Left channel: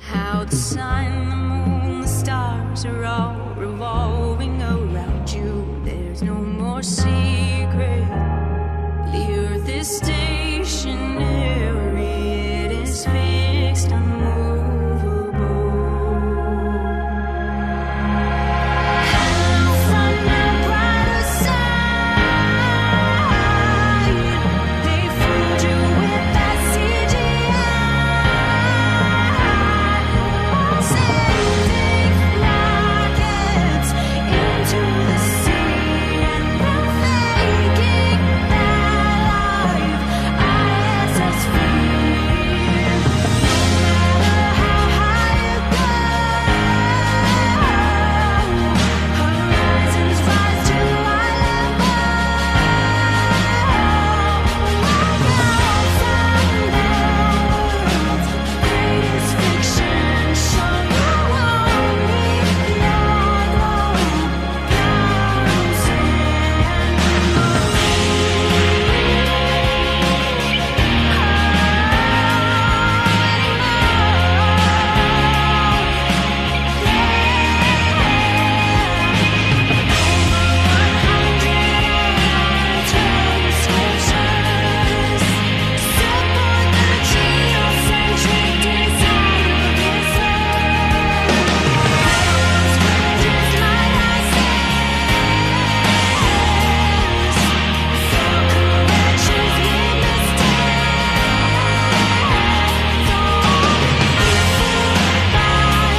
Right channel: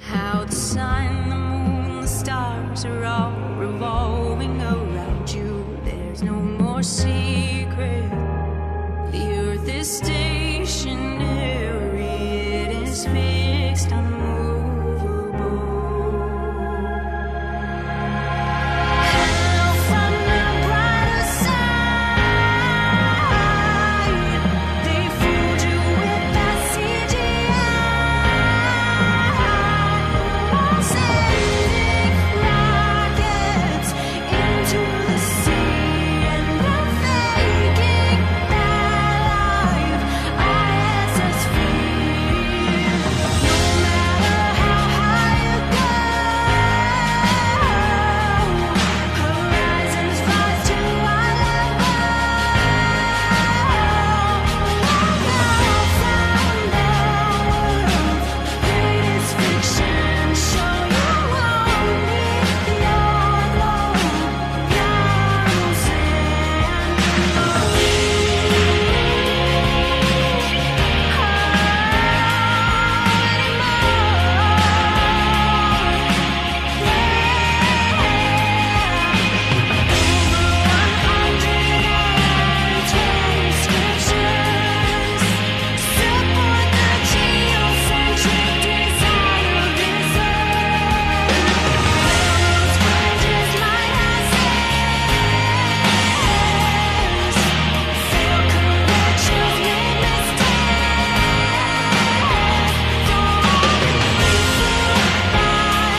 How the sun, the moon, the stars are all revolving around you. There's no more secret. The earth is stationary, it is fixed, unmovable. Hello from the brighter side. They fooled you with that CGI. While sending rockets into the sea, and then faking that life ISS feel. No matter how high you go, horizons rise to eye level. Look out from the world's greatest fiction. Show you won't need your globe. Guns and over 120 scriptures support the geocentric design of this earth. Railroads, bridges, lighthouses fail corrections, make mistakes. Don't be fooled by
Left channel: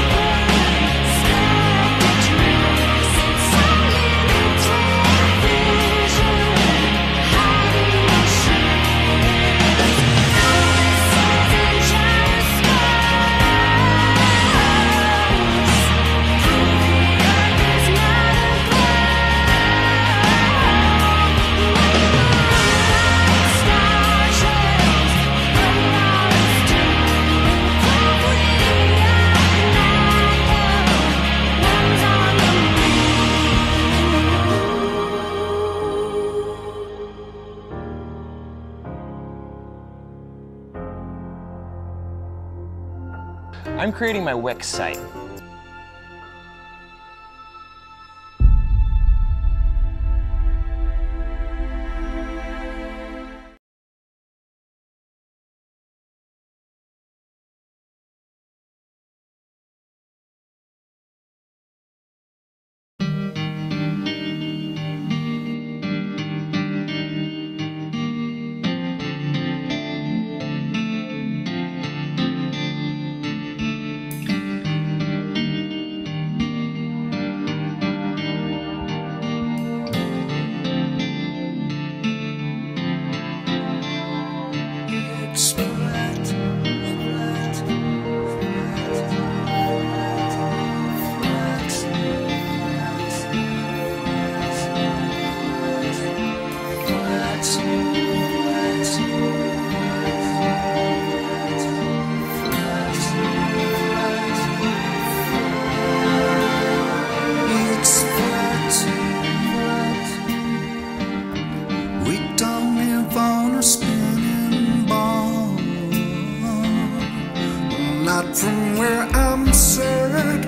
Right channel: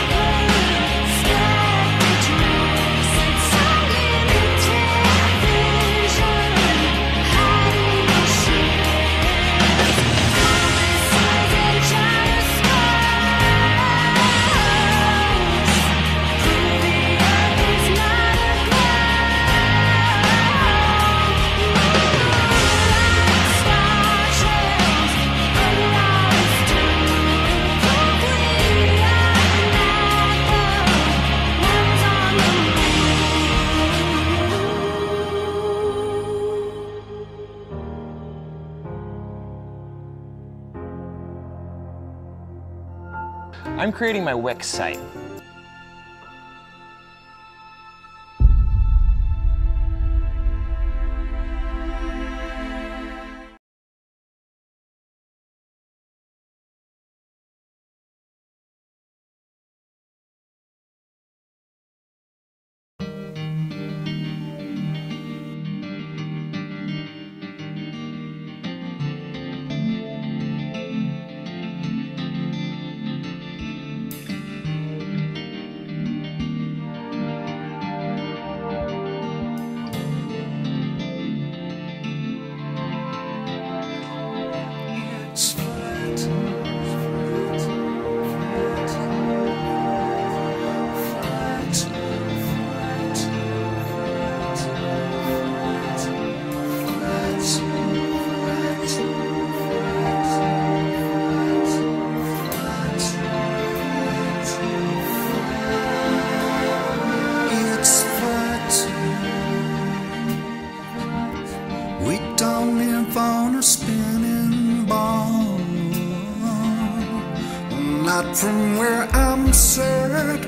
perspective tricks. It's unlimited vision hiding your ships. Compasses and gyroscopes prove the earth is not a globe. Moonlight, star trails, allow us to prove we are not the ones on the moon. I'm creating my Wix site. It's flat. We don't live on a spinning ball. Not from where I'm set,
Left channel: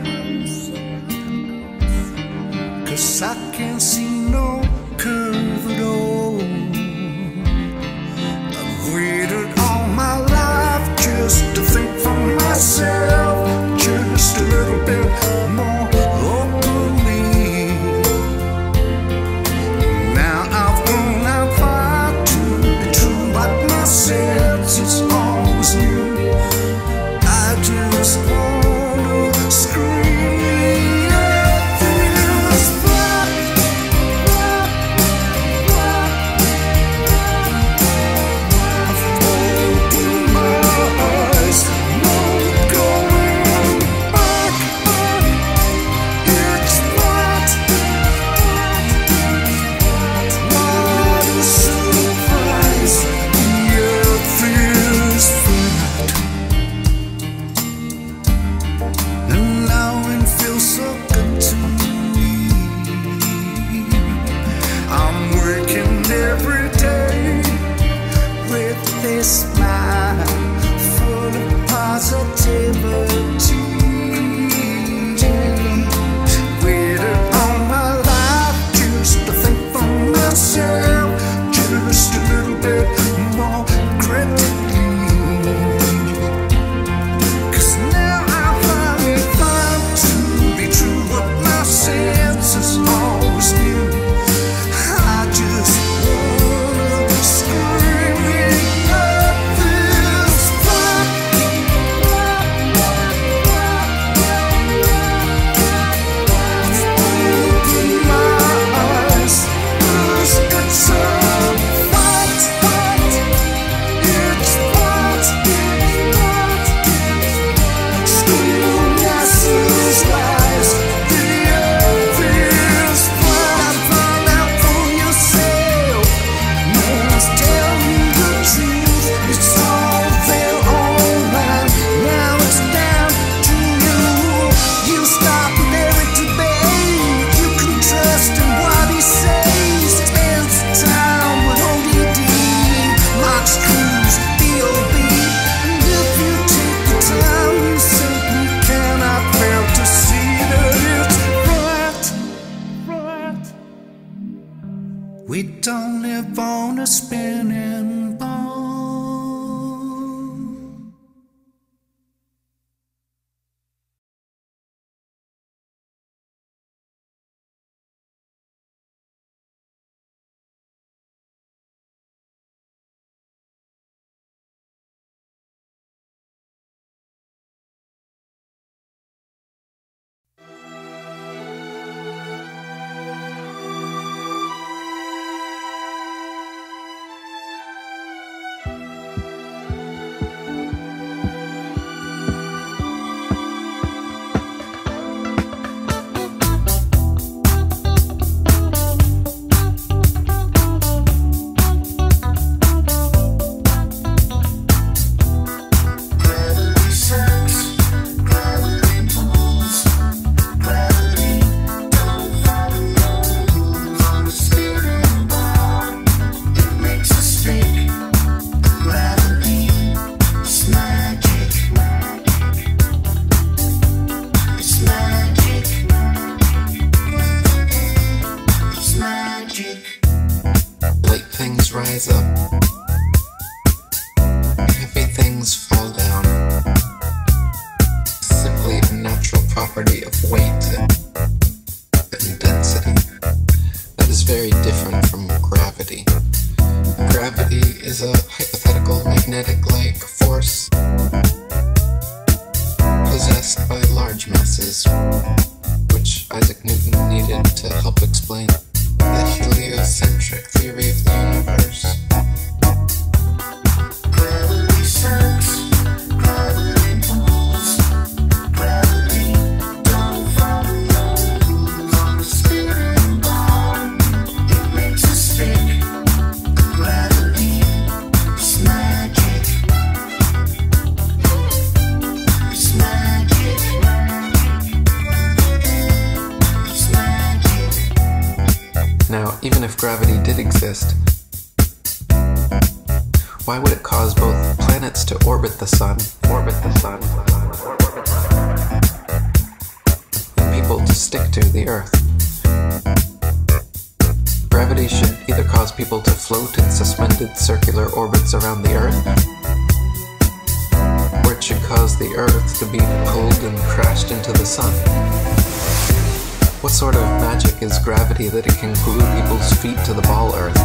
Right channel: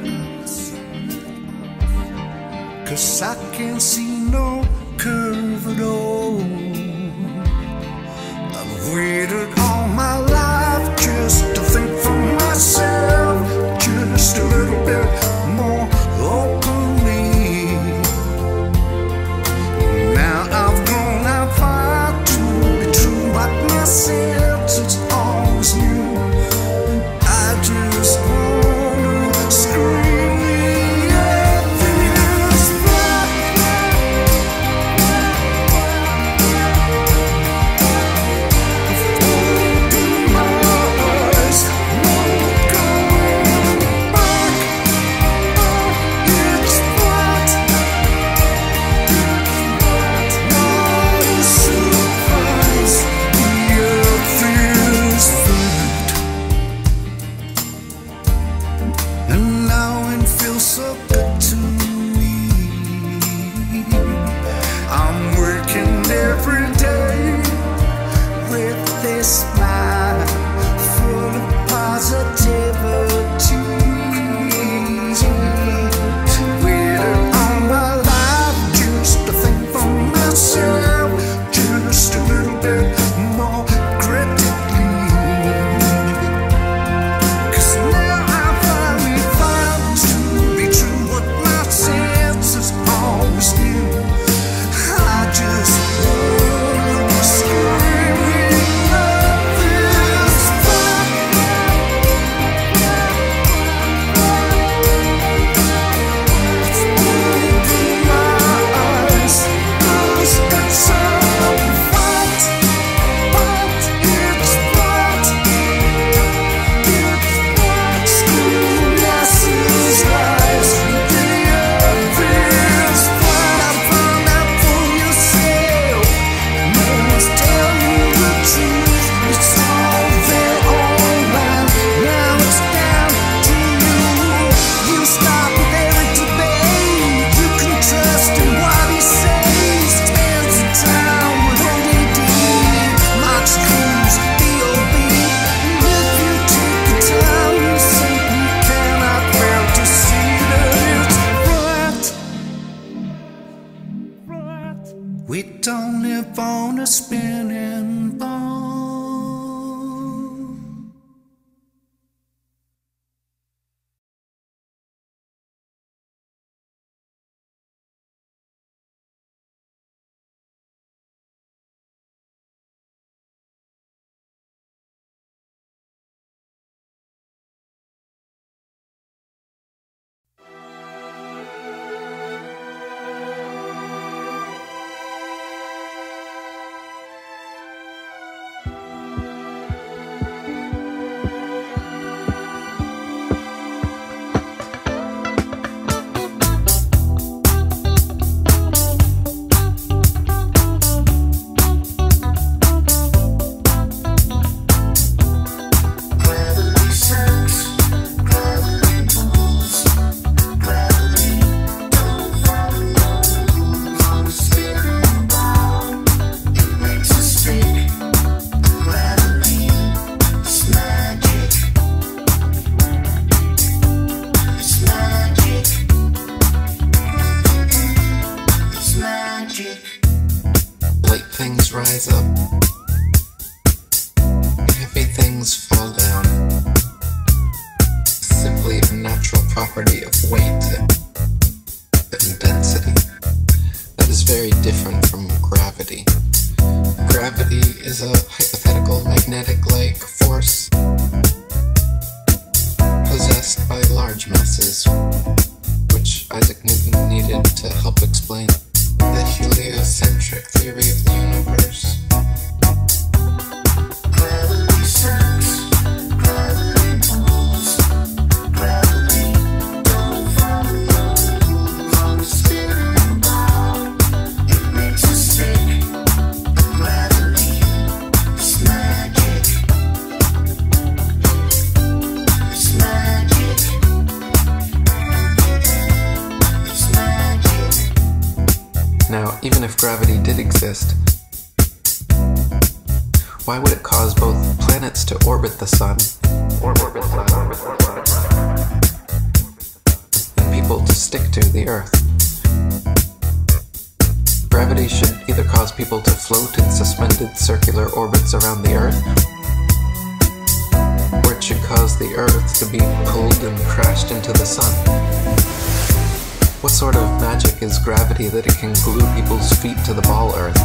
'cause I can't see no curve at all. I've waited all my life just to think for myself, just a little bit more openly. Now I've grown out far to be true like myself. It's always new. I just wanna scream the earth is flat. Open my eyes, no going back. It's flat. What a surprise, the earth is flat. And now it feels so good to me. I'm working every day with this smile full of positivity. spinning ball. Light things rise up, heavy things fall down. Simply a natural property of weight and density that is very different from gravity. Gravity is a hypothetical magnetic-like force possessed by large masses, which Isaac Newton needed to help explain the heliocentric theory of the universe. Gravity sucks, gravity pulls, gravity don't follow rules on the spinning ball. It makes us stick. Gravity is magic. It's magic. It's magic. Now, even if gravity did exist, why would it cause both planets to orbit the sun and people to stick to the Earth? Gravity should either cause people to float in suspended circular orbits around the Earth, or it should cause the Earth to be pulled and crashed into the sun. What sort of magic is gravity that it can glue people's feet to the ball Earth?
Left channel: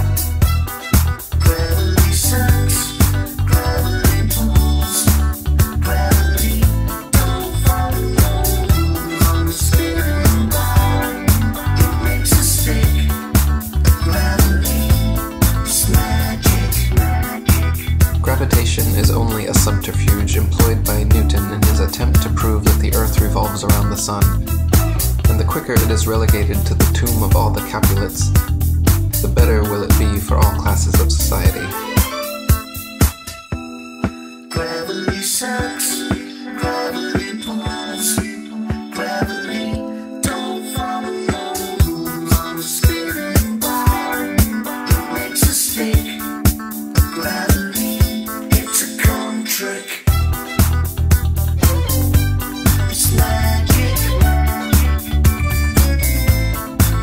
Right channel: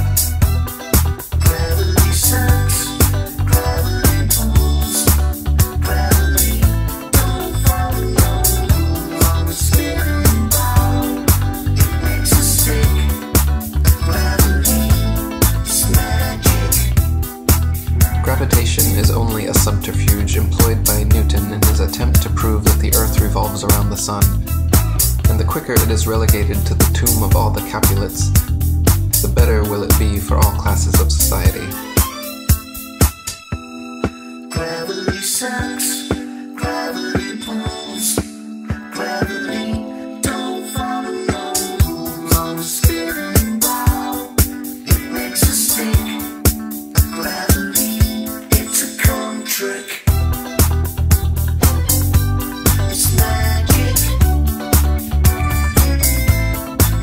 Gravity sucks, gravity pulls, gravity don't follow rules on the spinning ball. It makes us stick. Gravity is magic. Gravitation is only a subterfuge employed by Newton in his attempt to prove that the Earth revolves around the sun. And the quicker it is relegated to the tomb of all the Capulets, the better will it be for all classes of society. Gravity sucks, gravity pulls, gravity don't follow rules on the spinning ball. It makes us stick. Gravity, it's a con trick. It's magic.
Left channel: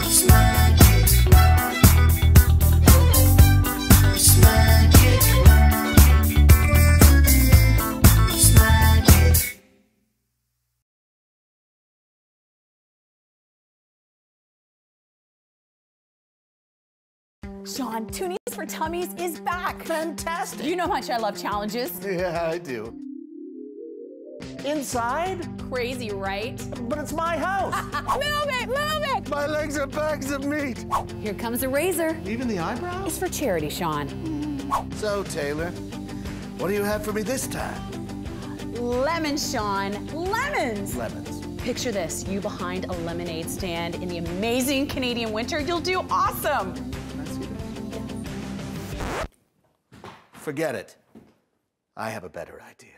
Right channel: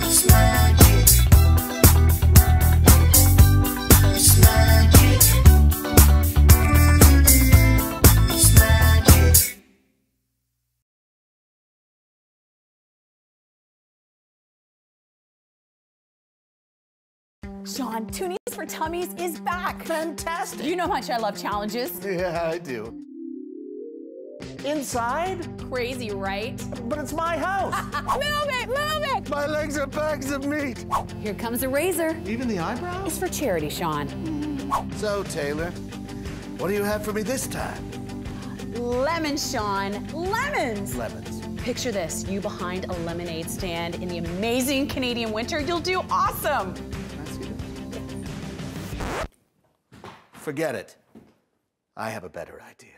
It's magic. It's magic. It's magic. Sean, Toonies for Tummies is back. Fantastic. You know how much I love challenges. Yeah, I do. Inside? Crazy, right? But it's my house. Move it, move it! My legs are bags of meat. Here comes a razor. Even the eyebrows? It's for charity, Sean. So, Taylor, what do you have for me this time? Lemons, Sean. Lemons! Lemons. Picture this, you behind a lemonade stand in the amazing Canadian winter. You'll do awesome. Can I see this? Forget it. I have a better idea.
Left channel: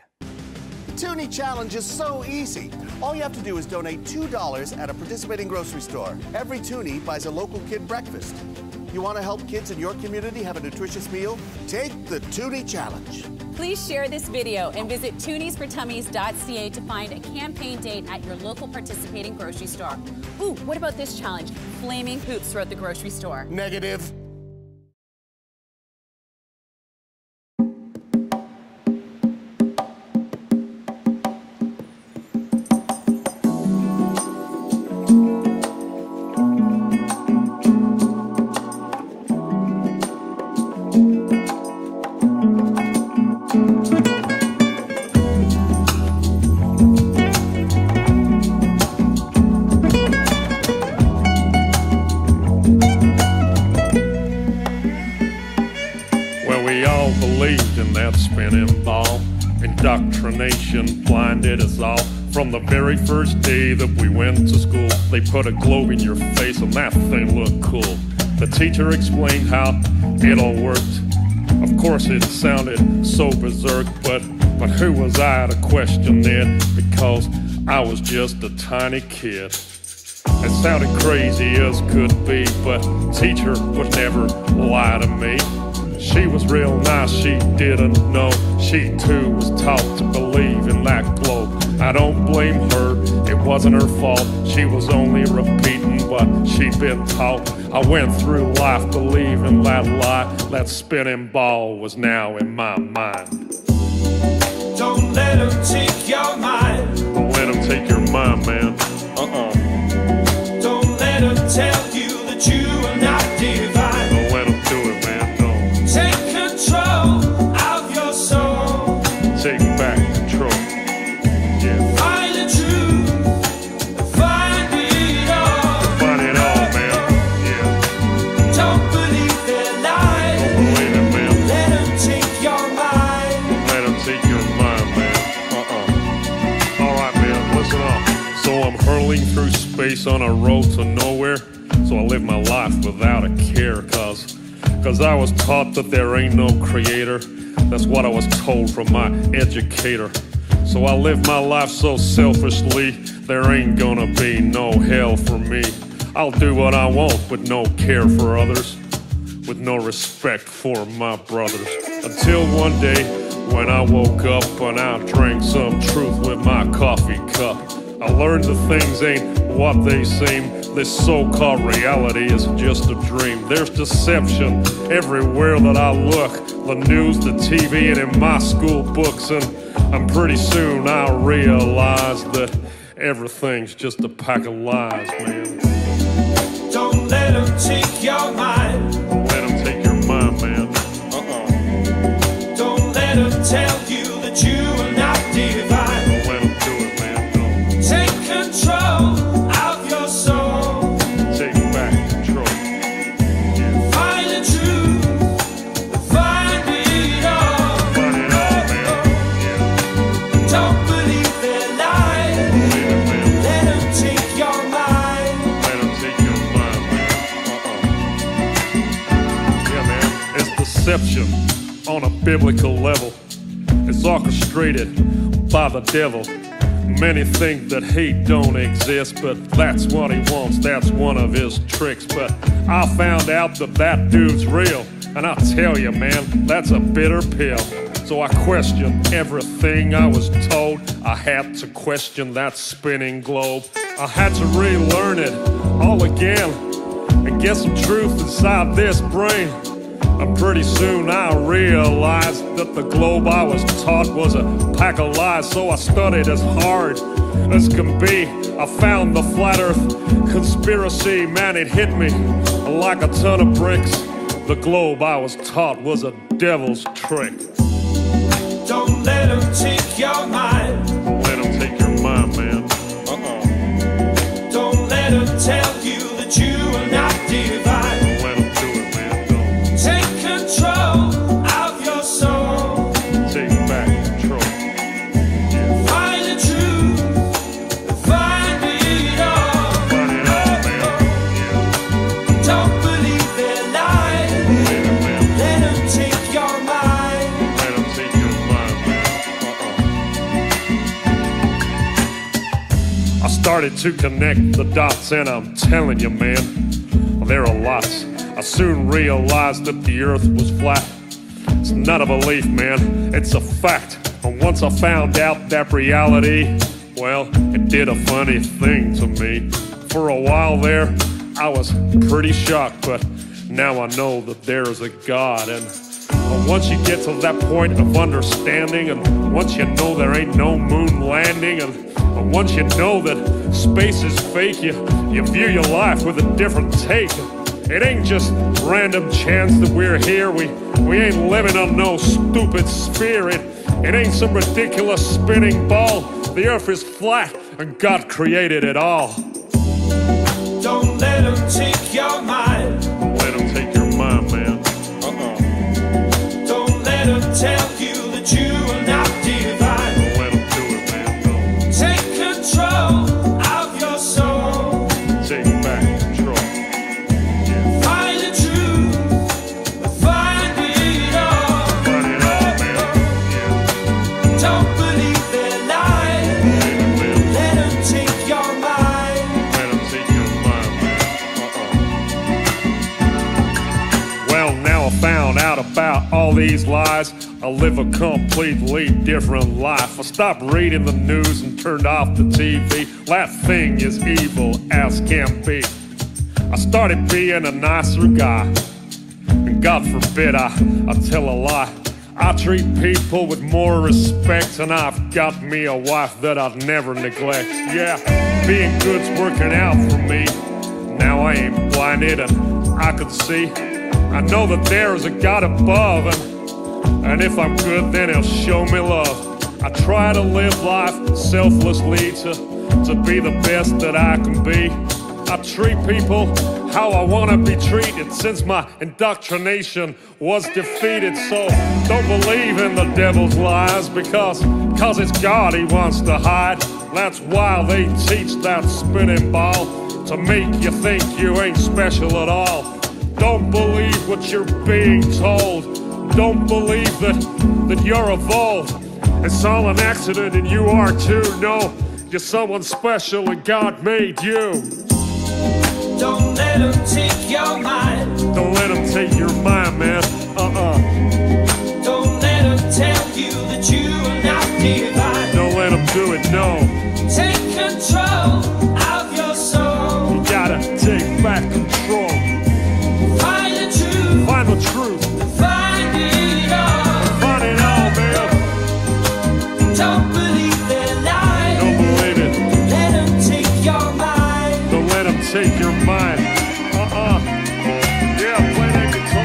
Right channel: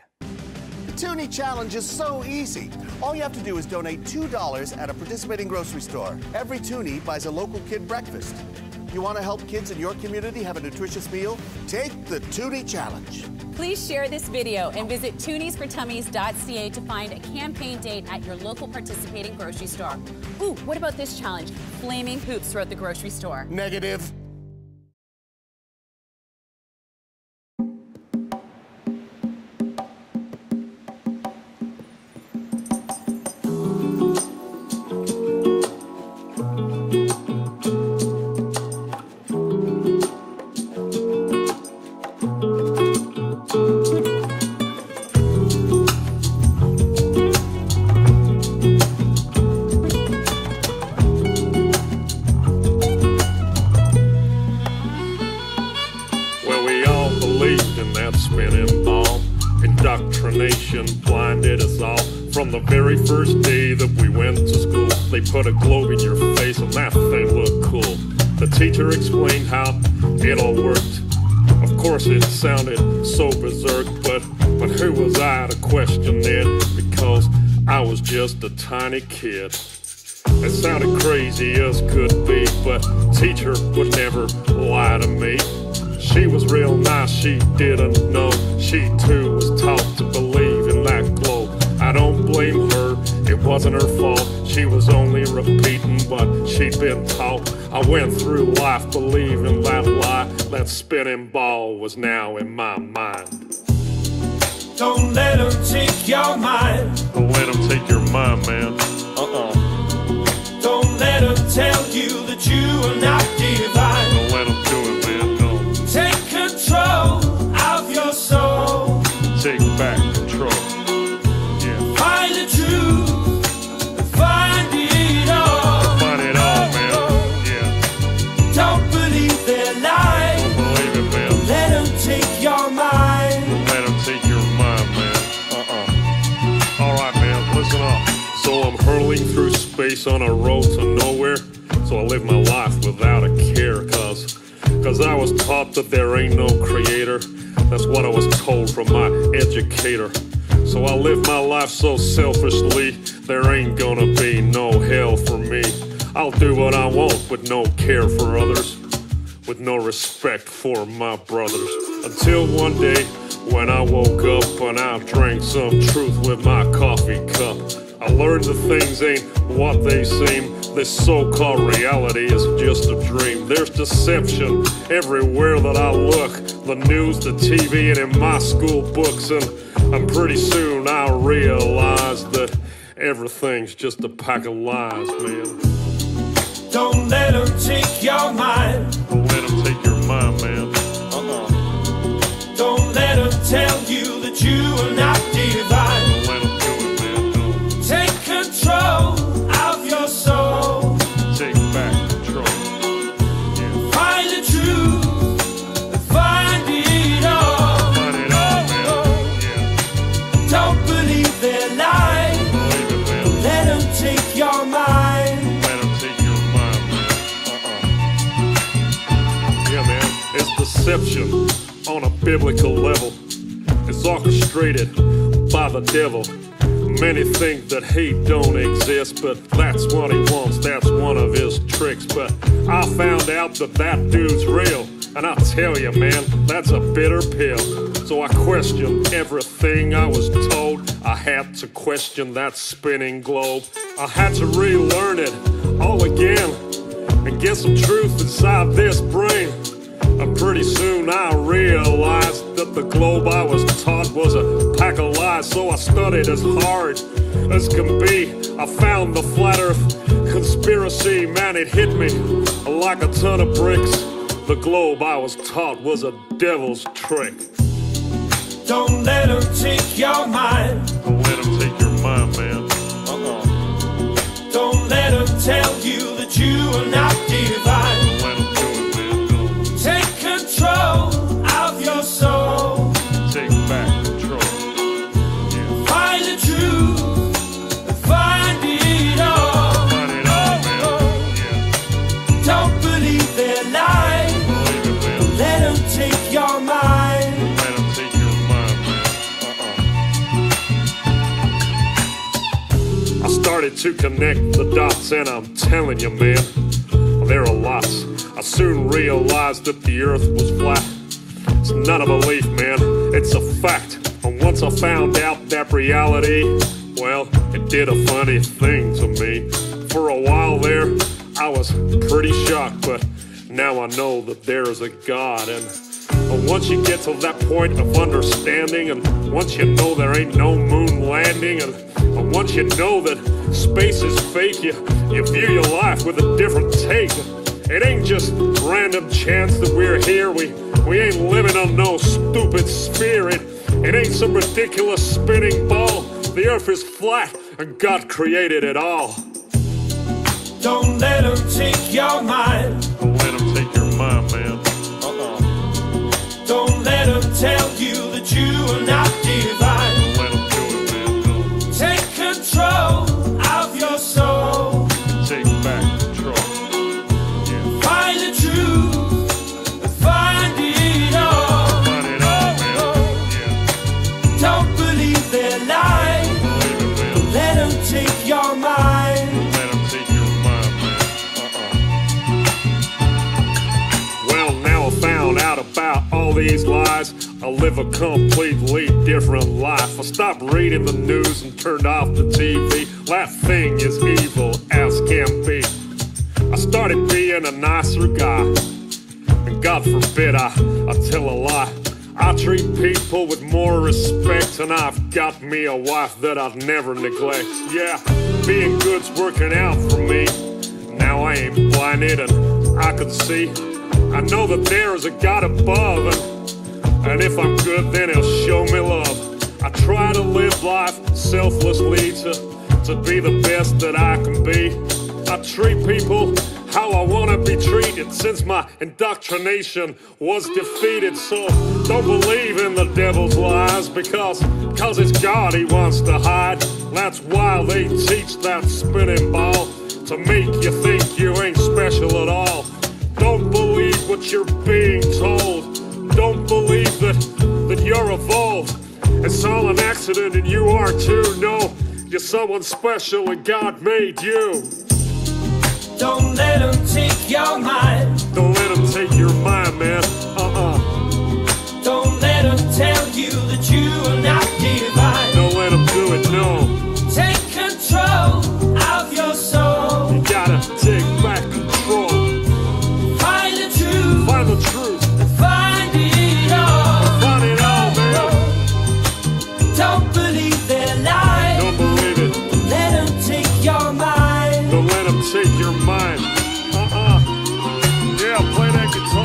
The Toonie Challenge is so easy. All you have to do is donate $2 at a participating grocery store. Every Toonie buys a local kid breakfast. You want to help kids in your community have a nutritious meal? Take the Toonie Challenge. Please share this video and visit tooniesfortummies.ca to find a campaign date at your local participating grocery store. Ooh, what about this challenge? Flaming hoops throughout the grocery store. Negative. spinning ball. Indoctrination blinded us all. From the very first day that we went to school, they put a globe in your face and that thing looked cool. The teacher explained how it all worked. Of course it sounded so berserk, but who was I to question it? Because I was just a tiny kid. It sounded crazy as could be, but teacher would never lie to me. She was real nice, she didn't know. She too was taught to believe in that globe. I don't blame her, it wasn't her fault. She was only repeating what she'd been taught. I went through life believing that lie. That spinning ball was now in my mind. Don't let them take your mind. Don't let them take your mind, man. Don't let them tell you that you are not divine. Don't let them do it, man, no. Take control of your soul. Take back control. Yeah. Find the truth, find it all. Find it all, man. Yeah. Don't believe their lies. Don't believe it, man. Let them take your mind. Don't let them take your mind, man. Alright, man, listen up. So I'm hurling through space on a road to nowhere. So I live my life without a care, cause I was taught that there ain't no creator. That's what I was told from my educator. So I live my life so selfishly, there ain't gonna be no hell for me. I'll do what I want with no care for others, with no respect for my brothers. Until one day when I woke up and I drank some truth with my coffee cup. I learned that things ain't what they seem. This so-called reality is just a dream. There's deception everywhere that I look. The news, the TV, and in my school books. And pretty soon I'll realize that everything's just a pack of lies, man. Don't let them take your mind. Don't let them take your mind, man. Don't let them tell you that you are not divine. Don't let them do it, man, no. Take control of your soul. Take back control. Yeah. Find the truth, find it all. Find it all, man. Yeah. Don't believe their lies. Don't believe it, man. Let them take your mind. Let them take your mind, man. Yeah, man. It's deception on a biblical level. It's orchestrated by the devil. Many think that hate don't exist, but that's what he wants, that's one of his tricks. But I found out that dude's real, and I tell you, man, that's a bitter pill. So I questioned everything I was told. I had to question that spinning globe. I had to relearn it all again and get some truth inside this brain. And pretty soon I realized that the globe I was taught was a pack of lies. So I studied as hard as can be. I found the flat earth conspiracy. Man, it hit me like a ton of bricks. The globe I was taught was a devil's trick. Don't let them take your mind. Don't let them take your mind, man. Don't let them tell you that you are not divine. Don't let them do it, man. Don't. Take control of your soul. Take back control. Yeah. Find the truth, find it all. Find it all, man. Yeah. Don't believe their lies. Don't believe it, man. Let them take your mind. Let them take your mind, man. I started to connect the dots, and I'm telling you, man, there are lots. I soon realized that the earth was flat. It's not a belief, man, it's a fact. And once I found out that reality, well, it did a funny thing to me. For a while there, I was pretty shocked, but now I know that there is a God. And once you get to that point of understanding, and once you know there ain't no moon landing, and once you know that space is fake, you view your life with a different take. It ain't just random chance that we're here. We ain't living on no stupid sphere. It ain't some ridiculous spinning ball. The earth is flat and God created it all. Don't let them take your mind. Don't let them take your mind, man. Don't let them tell you that these lies, I live a completely different life. I stopped reading the news and turned off the TV. That thing is evil as can be. I started being a nicer guy, and God forbid I tell a lie. I treat people with more respect, and I've got me a wife that I'd never neglect. Yeah, being good's working out for me. Now I ain't blinded and I can see. I know that there is a God above, and if I'm good, then he'll show me love. I try to live life selflessly to be the best that I can be. I treat people how I want to be treated since my indoctrination was defeated. So don't believe in the devil's lies because it's God he wants to hide. That's why they teach that spinning ball, to make you think you ain't special at all. Don't believe what you're being told. Don't believe that you're evolved. It's all an accident and you are too. No, you're someone special and God made you. Don't let them take your mind. Don't let them take your mind, man. Don't let them tell you that you are not divine. Don't let them do it, no. Take control of your soul. You gotta take back control. Find the truth. Find the truth. Find it all. Find it all, man. Don't believe their lies. Don't believe it. Let them take your mind. Don't let them take your mind. Yeah, play that guitar.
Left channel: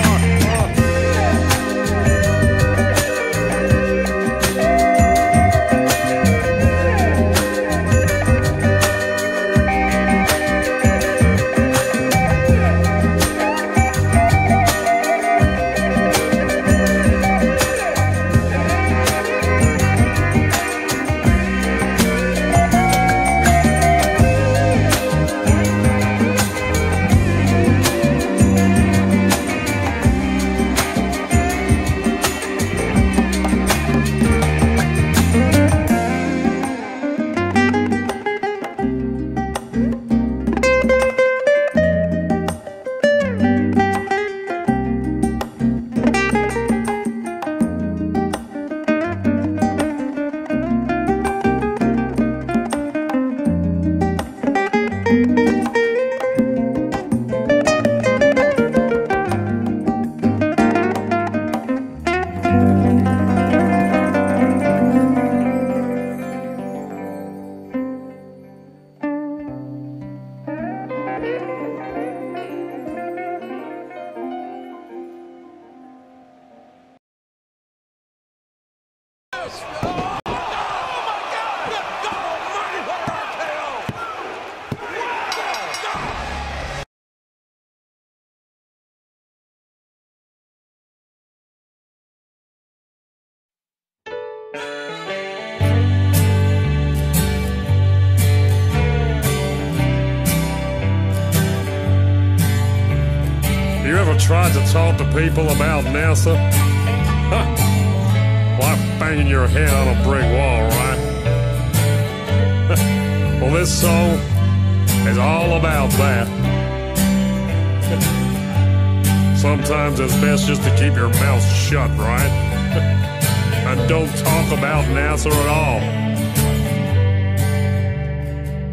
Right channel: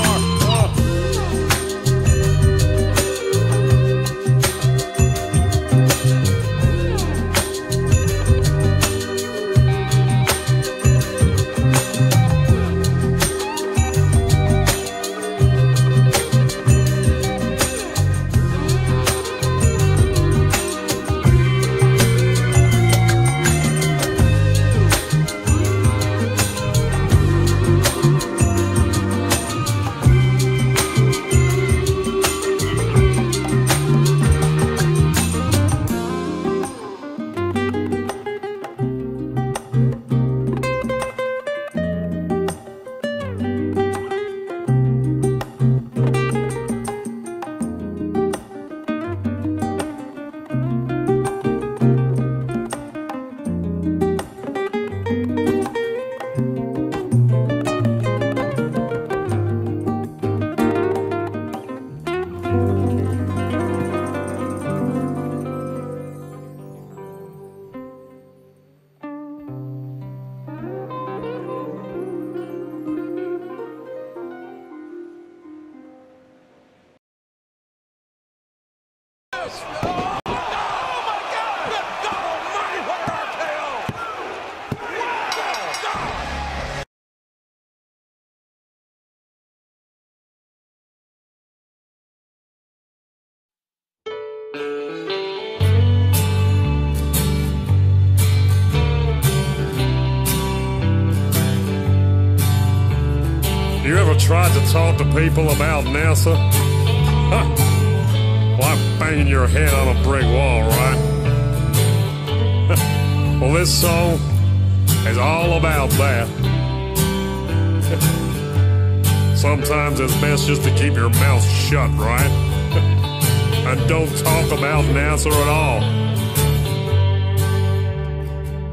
You ever tried to talk to people about NASA? Huh. Like banging your head on a brick wall, right? Well, this song is all about that. Sometimes it's best just to keep your mouth shut, right? And don't talk about NASA at all.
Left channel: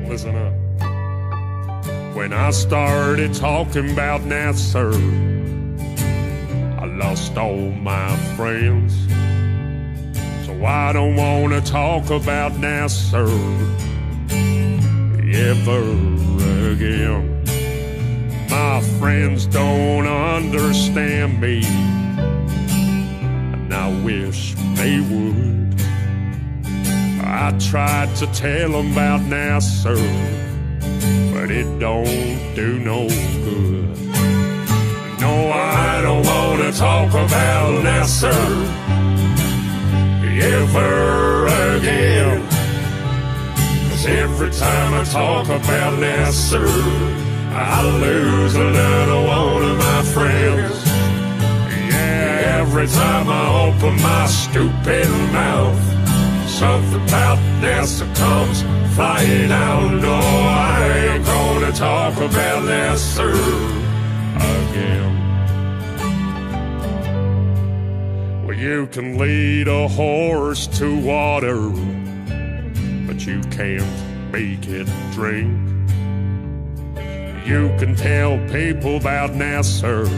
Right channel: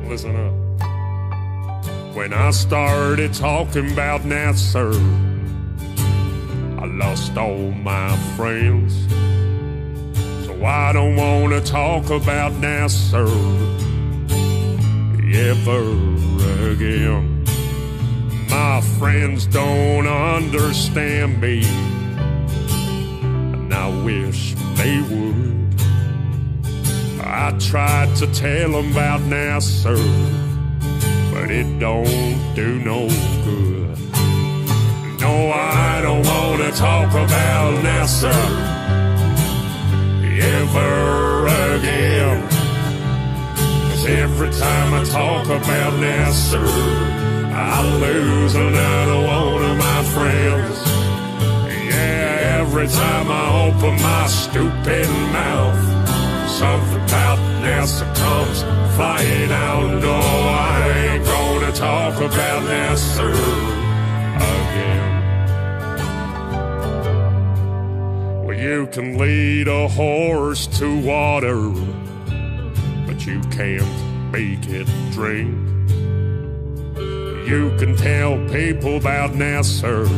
Listen up. When I started talking about NASA, I lost all my friends. So I don't want to talk about NASA ever again. My friends don't understand me, and I wish they would. I tried to tell them about NASA, but it don't do no good. No, I don't want to talk about NASA ever again. 'Cause every time I talk about NASA, I lose another one of my friends. Yeah, every time I open my stupid mouth, something about NASA comes flying out. No, I ain't gonna talk about NASA again. You can lead a horse to water, but you can't make it drink. You can tell people about Nasser,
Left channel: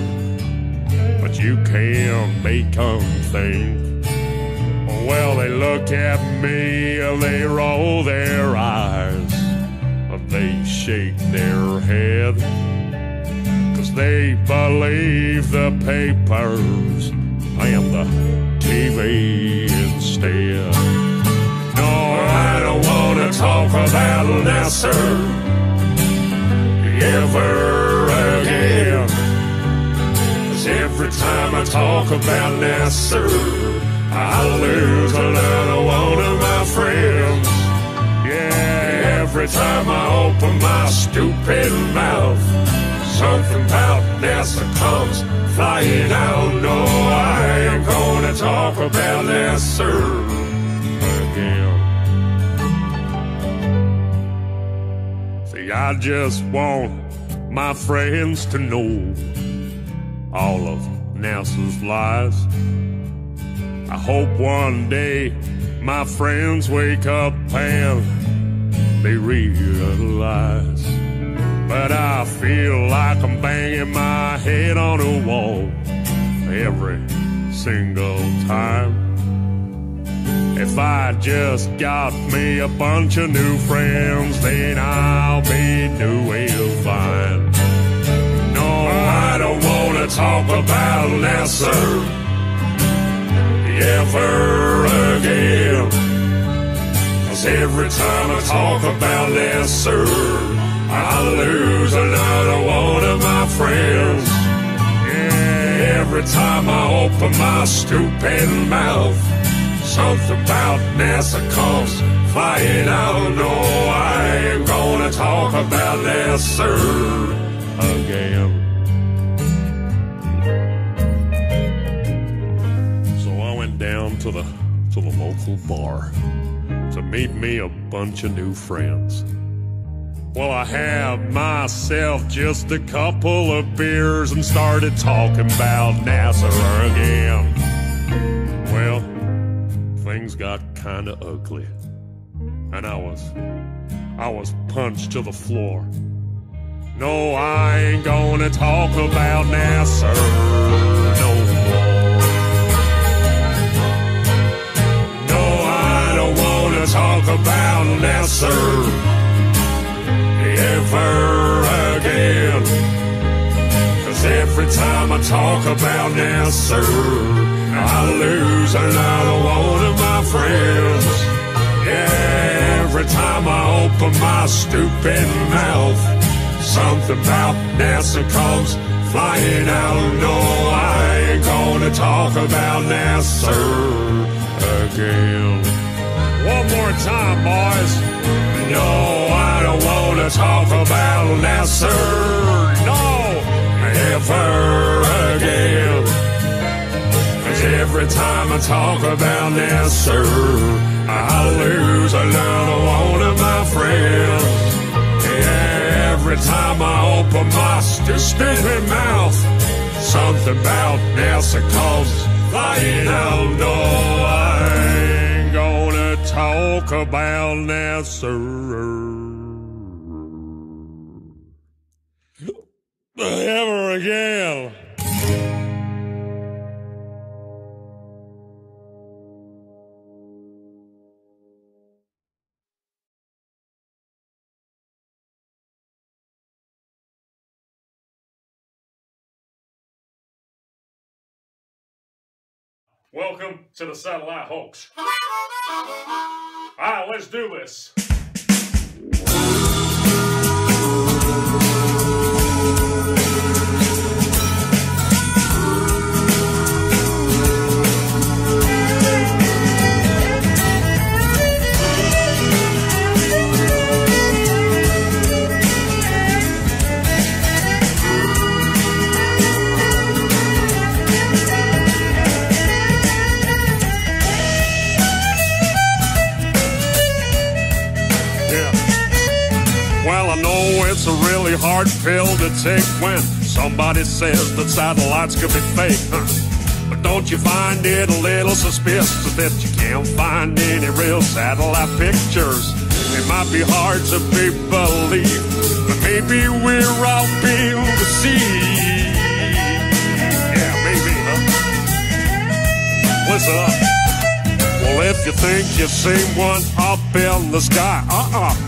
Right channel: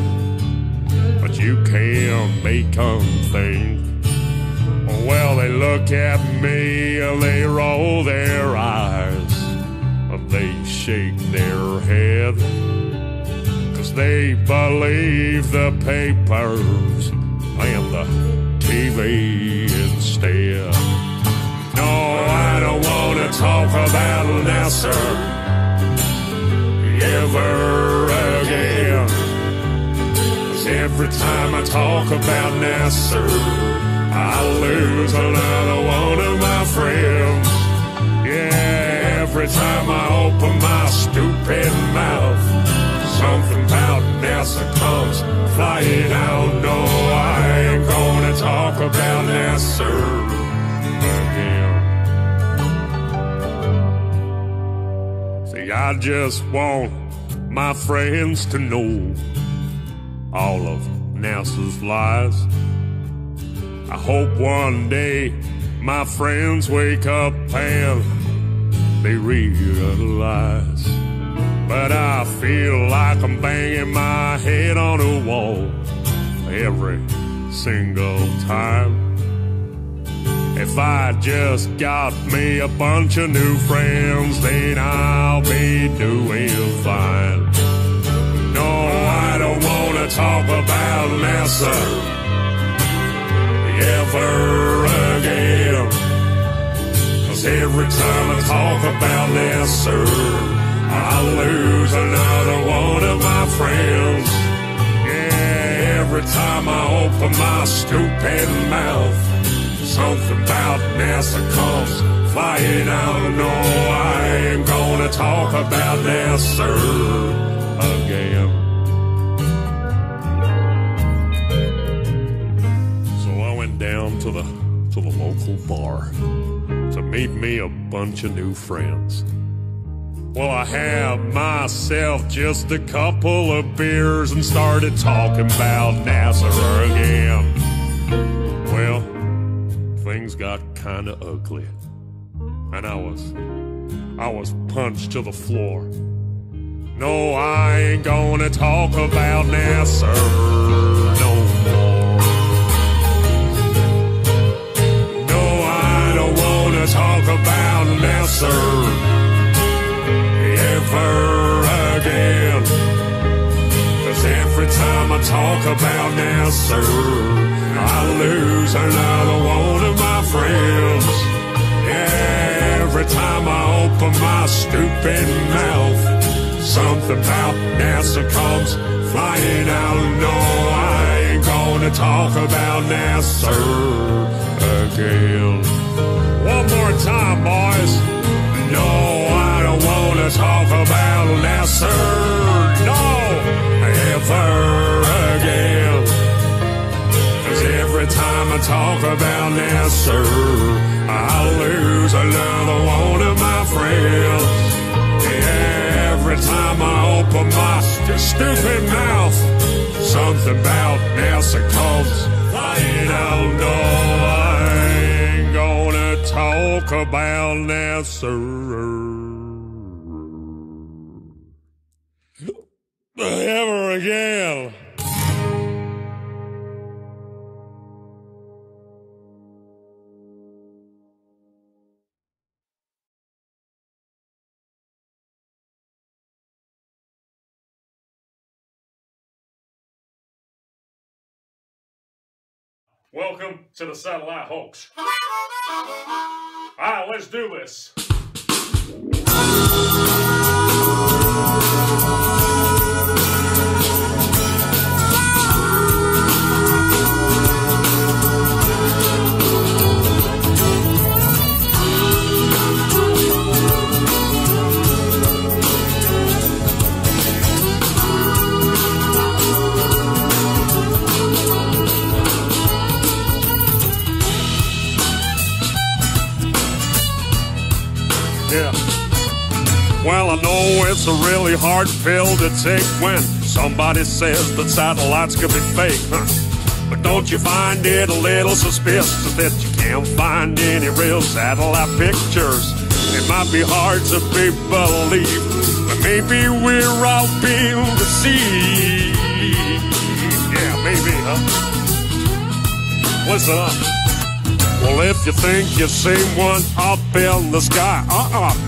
but you can't make them think. Well, they look at me, they roll their eyes, they shake their head, 'cause they believe the papers and the TV instead. No, I don't want to talk about Nasser ever again, 'cause every time I talk about Nasser, I lose another one of my friends. Yeah, every time I open my stupid mouth, something about Nasser comes flying out. No, I ain't gonna talk about Nasser again. See, I just want my friends to know all of Nasser's lies. I hope one day my friends wake up and they realize. But I feel like I'm banging my head on a wall every single time. If I just got me a bunch of new friends, then I'll be doing fine. No, I don't want to talk about Nasser ever again, 'cause every time I talk about Nasser, I lose another one of my friends. Yeah, every time I open my stupid mouth, something about Nasser comes flying out. No, I ain't gonna talk about Nasser again. So I went down to the local bar to meet me a bunch of new friends. Well, I had myself just a couple of beers and started talking about Nasser again. Well, things got kinda ugly, and I was punched to the floor. No, I ain't gonna talk about Nasser no more. No, I don't wanna talk about Nasser ever again, 'cause every time I talk about Nasser, I lose another one of my friends. Yeah, every time I open my stupid mouth, something about Nasser comes flying out. No, I ain't gonna talk about Nasser again. One more time, boys. No, I don't wanna talk about Nasser, no, ever again. 'Cause every time I talk about Nasser, I lose another one of my friends. Yeah, every time I open my stupid mouth, something about Nasser comes flying out. No, I ain't gonna talk about Nasser ever again. Welcome to the Satellite Hoax. All right, let's do this. Hard pill to take when somebody says that satellites could be fake. But Don't you find it a little suspicious that you can't find any real satellite pictures? It might be hard to be believed, but maybe we're all being deceived. Yeah, maybe, huh? Listen up. Well, if you think you see one up in the sky,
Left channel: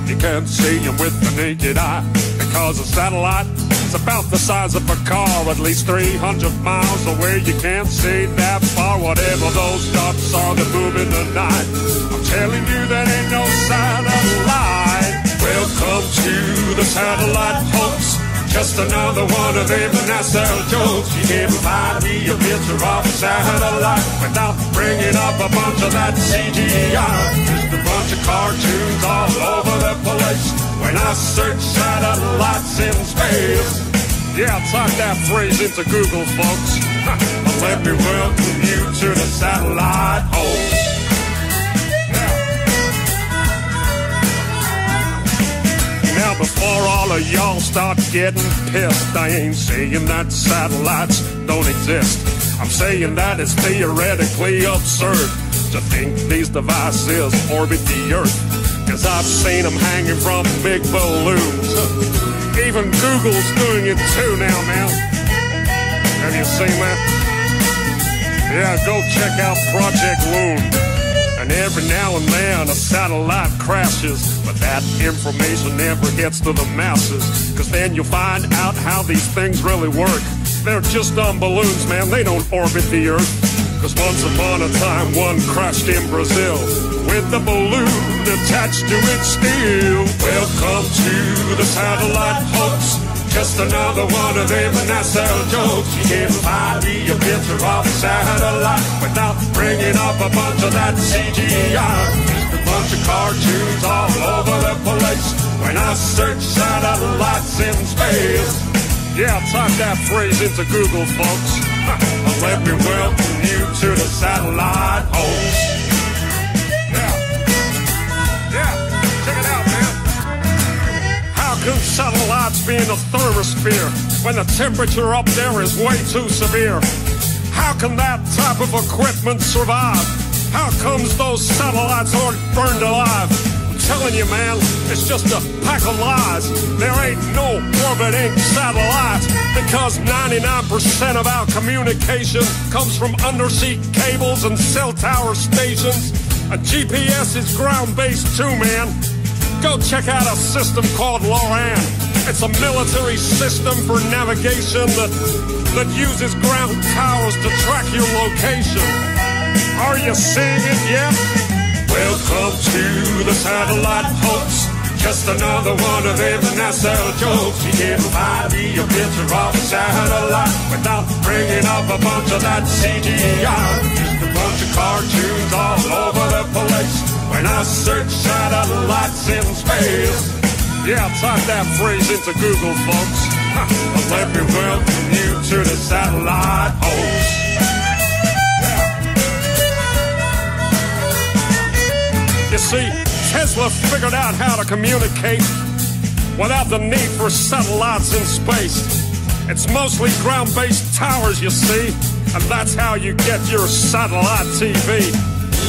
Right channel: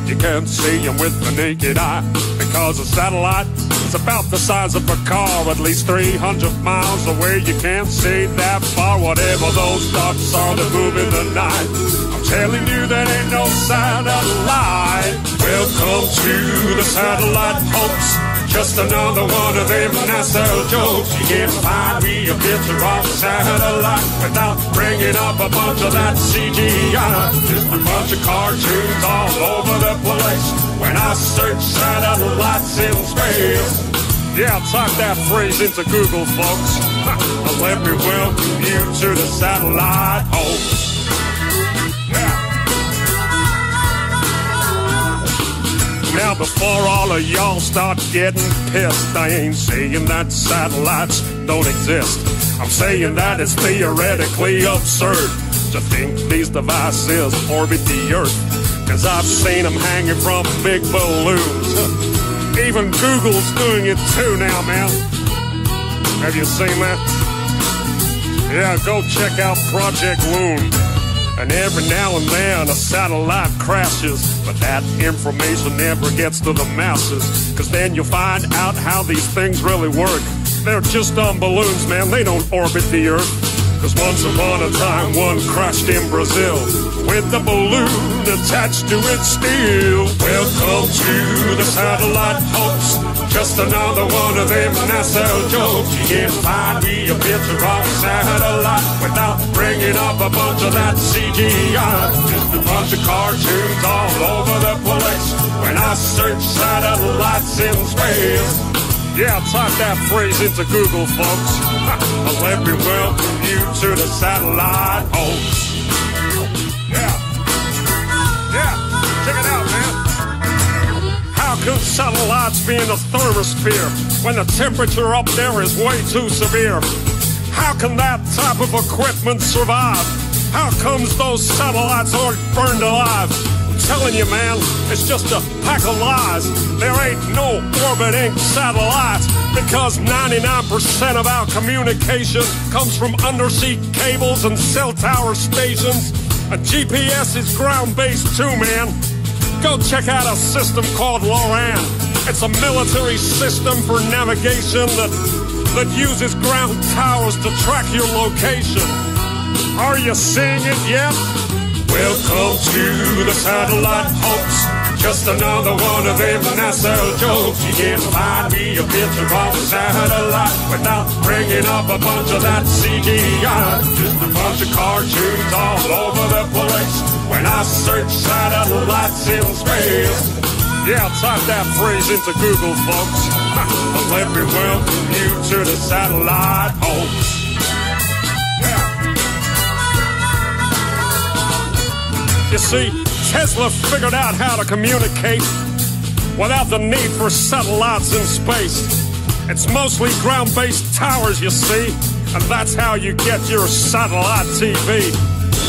you can't see it with the naked eye, because a satellite is about the size of a car, at least 300 miles away. You can't see that far, whatever those dots are to move in the night. I'm telling you, there ain't no sign of life. Welcome to the satellite, folks. Just another one of them NASA jokes. You get a picture of a satellite, and now bring it up a bunch of that CGI. Just a bunch of cartoons all over the place. When I search satellites in space. Yeah, type that phrase into Google, folks. Let me welcome you to the satellite host. Now, before all of y'all start getting pissed, I ain't saying that satellites don't exist. I'm saying that it's theoretically absurd to think these devices orbit the Earth, 'cause I've seen them hanging from big balloons. Even Google's doing it too now, man. Have you seen that? Yeah, go check out Project Moon. And every now and then a satellite crashes, but that information never gets to the masses, 'cause then you find out how these things really work. They're just on balloons, man. They don't orbit the Earth. 'Cause once upon a time, one crashed in Brazil with the balloon attached to its steel. Welcome to the satellite, folks. Just another one of them NASA jokes. You get a picture of a satellite, without bringing up a bunch of that CGI. Just a bunch of cartoons all over the place. When I search satellites in space. Yeah, type that phrase into Google, folks. Let me welcome you to the satellite host. Yeah, check it out, man. How could satellites be in the thermosphere when the temperature up there is way too severe? How can that type of equipment survive? How comes those satellites aren't burned alive? I'm telling you, man, it's just a pack of lies. There ain't no orbiting satellites, because 99% of our communication comes from undersea cables and cell tower stations. A GPS is ground-based too, man. Go check out a system called LORAN. It's a military system for navigation that uses ground towers to track your location. Are you seeing it yet? Welcome to the satellite, folks. Just another one of them NASA jokes. You get a picture of a satellite, without bringing up a bunch of that CGI. Just a bunch of cartoons all over the place. When I search satellites in space. Yeah, type that phrase into Google, folks. Let me welcome you to the satellite host. You see, Tesla figured out how to communicate without the need for satellites in space. It's mostly ground-based towers, you see, and that's how you get your satellite TV.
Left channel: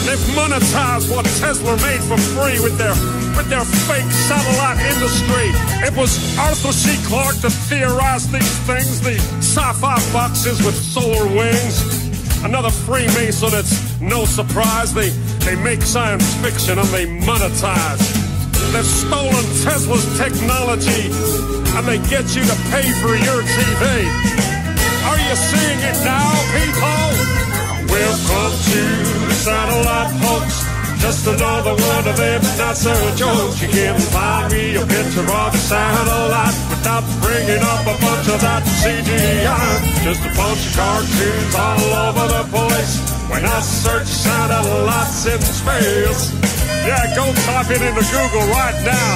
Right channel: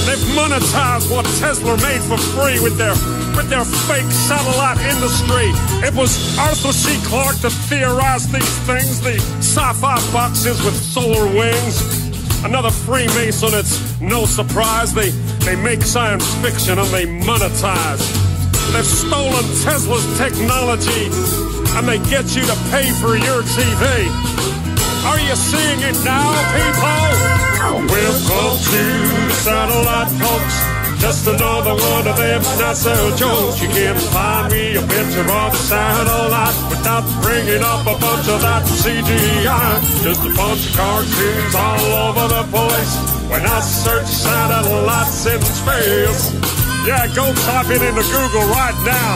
They've monetized what Tesla made for free with their fake satellite industry. It was Arthur C. Clarke that theorized these things, the sci-fi boxes with solar wings. Another Freemason, it's no surprise. They make science fiction and they monetize. They've stolen Tesla's technology and they get you to pay for your TV. Are you seeing it now, people? Welcome to the satellite, folks. Just another one of them NASA jokes. You get a picture of a satellite without bringing up a bunch of that CGI. Just a bunch of cartoons all over the place. When I search satellites in space. Yeah, go type it into Google right now.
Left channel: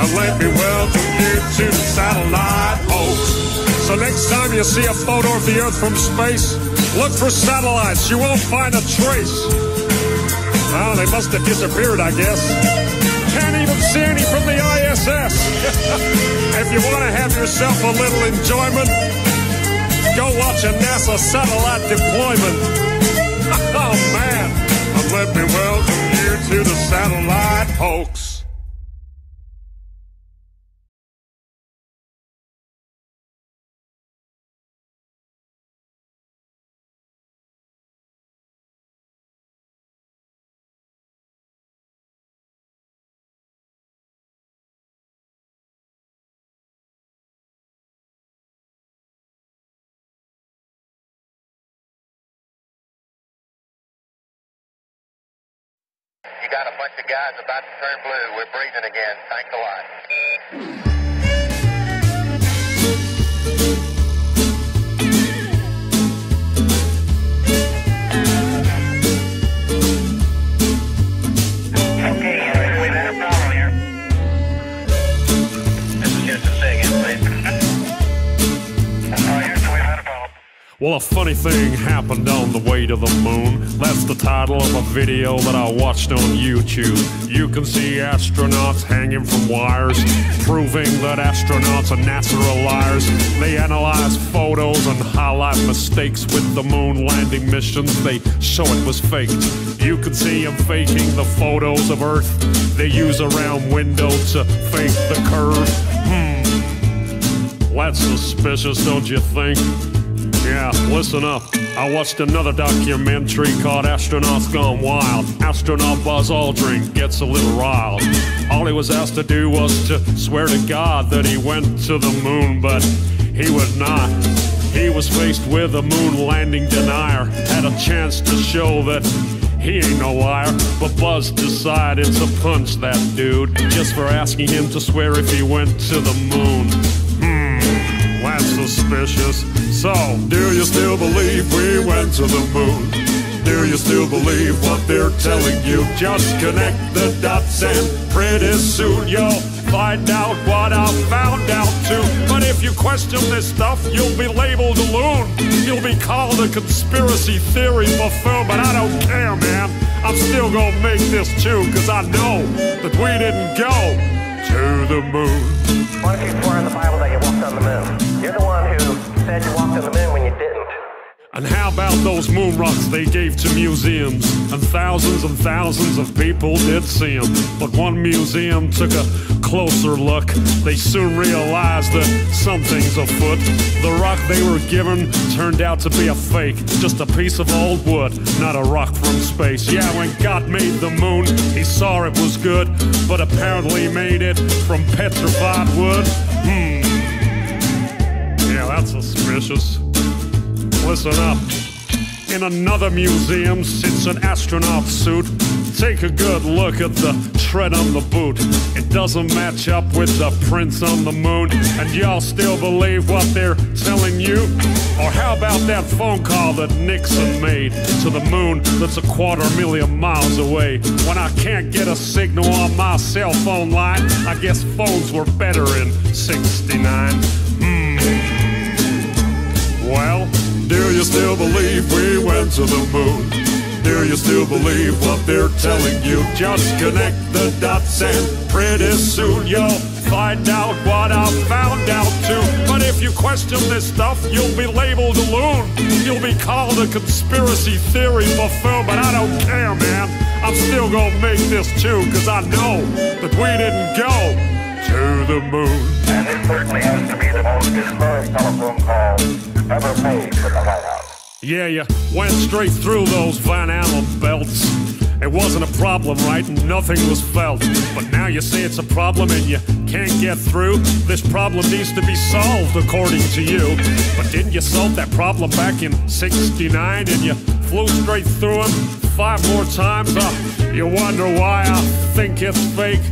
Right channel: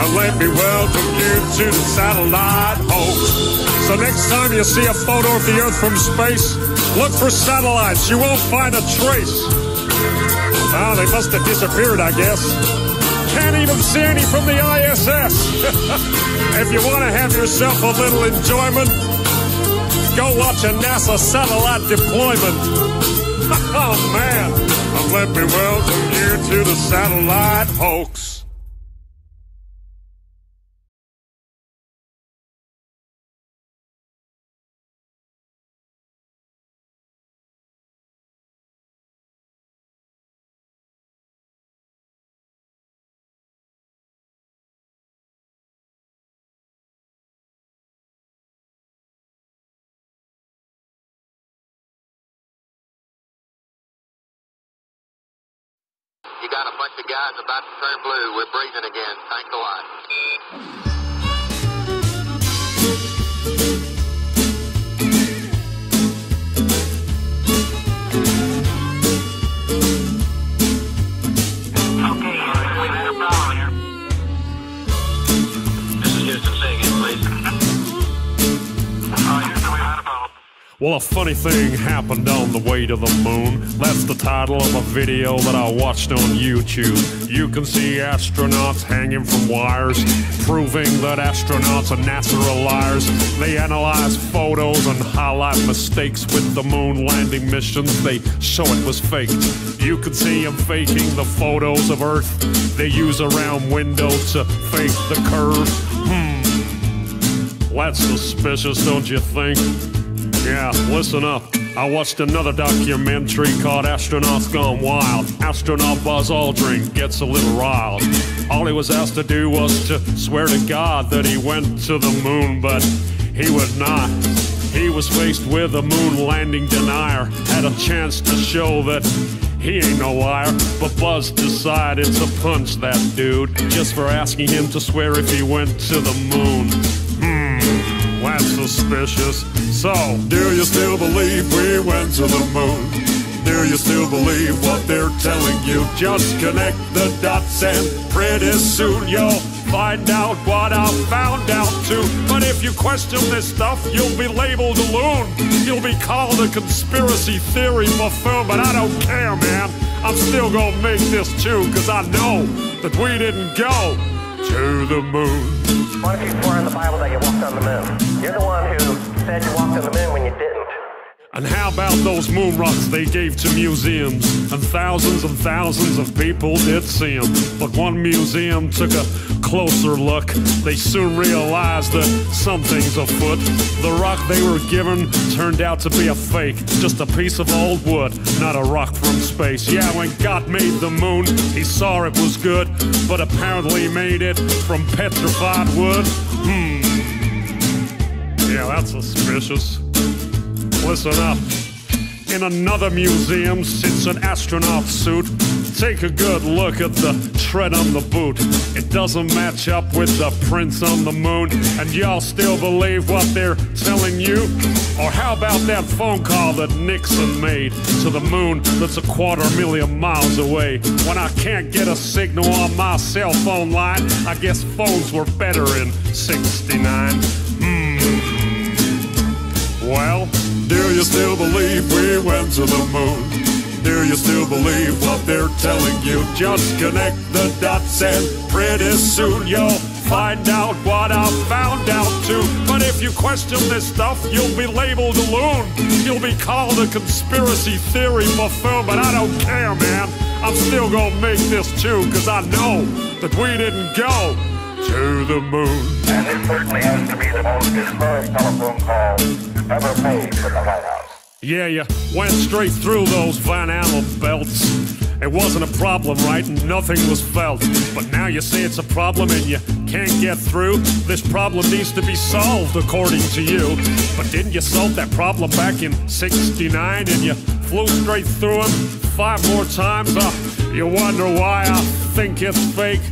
And let me welcome you to the satellite host. So next time you see a photo of the Earth from space, look for satellites. You won't find a trace. Well, they must have disappeared, I guess. Can't even see any from the ISS. If you want to have yourself a little enjoyment, go watching NASA satellite deployment. Oh man, let me welcome you to the satellite hoax. You got a bunch of guys about to turn blue. We're breathing again. Thanks a lot. Okay, we've had a problem here. This is Houston. Say again, please. Oh, Houston, we've had a problem. Well, a funny thing happened on the way to the moon. That's the title of a video that I watched on YouTube. You can see astronauts hanging from wires, proving that astronauts and NASA are liars. They analyze photos and highlight mistakes with the moon landing missions. They show it was faked. You can see them faking the photos of Earth. They use a round window to fake the curve. That's suspicious, don't you think? Yeah, listen up. I watched another documentary called Astronauts Gone Wild. Astronaut Buzz Aldrin gets a little riled. All he was asked to do was to swear to God that he went to the moon, but he would not. He was faced with a moon landing denier. Had a chance to show that he ain't no liar, but Buzz decided to punch that dude just for asking him to swear if he went to the moon. That's suspicious. So, do you still believe we went to the moon? Do you still believe what they're telling you? Just connect the dots and pretty soon you'll find out what I found out too. But if you question this stuff, you'll be labeled a loon. You'll be called a conspiracy theory buffoon, but I don't care, man. I'm still gonna make this tune, cause I know that we didn't go to the moon. Why don't you swear in the Bible that you walked on the moon? You're the one who said you walked on the moon when you didn't. And how about those moon rocks they gave to museums? And thousands of people did see them. But one museum took a closer look. They soon realized that something's afoot. The rock they were given turned out to be a fake. Just a piece of old wood, not a rock from space. Yeah, when God made the moon, he saw it was good, but apparently made it from petrified wood. Yeah, that's suspicious. Listen up. In another museum sits an astronaut suit. Take a good look at the tread on the boot. It doesn't match up with the prints on the moon. And y'all still believe what they're telling you? Or how about that phone call that Nixon made to the moon that's 250,000 miles away? When I can't get a signal on my cell phone line, I guess phones were better in '69. Well, do you still believe we went to the moon? Do you still believe what they're telling you? Just connect the dots and pretty soon you'll find out what I found out too. But if you question this stuff, you'll be labeled a loon. You'll be called a conspiracy theory buffoon, but I don't care, man. I'm still gonna make this tune, cause I know that we didn't go to the moon. And this certainly has to be the most historic telephone call ever made from the White House. Yeah, you went straight through those Van Allen belts. It wasn't a problem, right? And nothing was felt. But now you say it's a problem and you can't get through. This problem needs to be solved, according to you. But didn't you solve that problem back in '69 and you flew straight through them 5 more times? You wonder why I think it's fake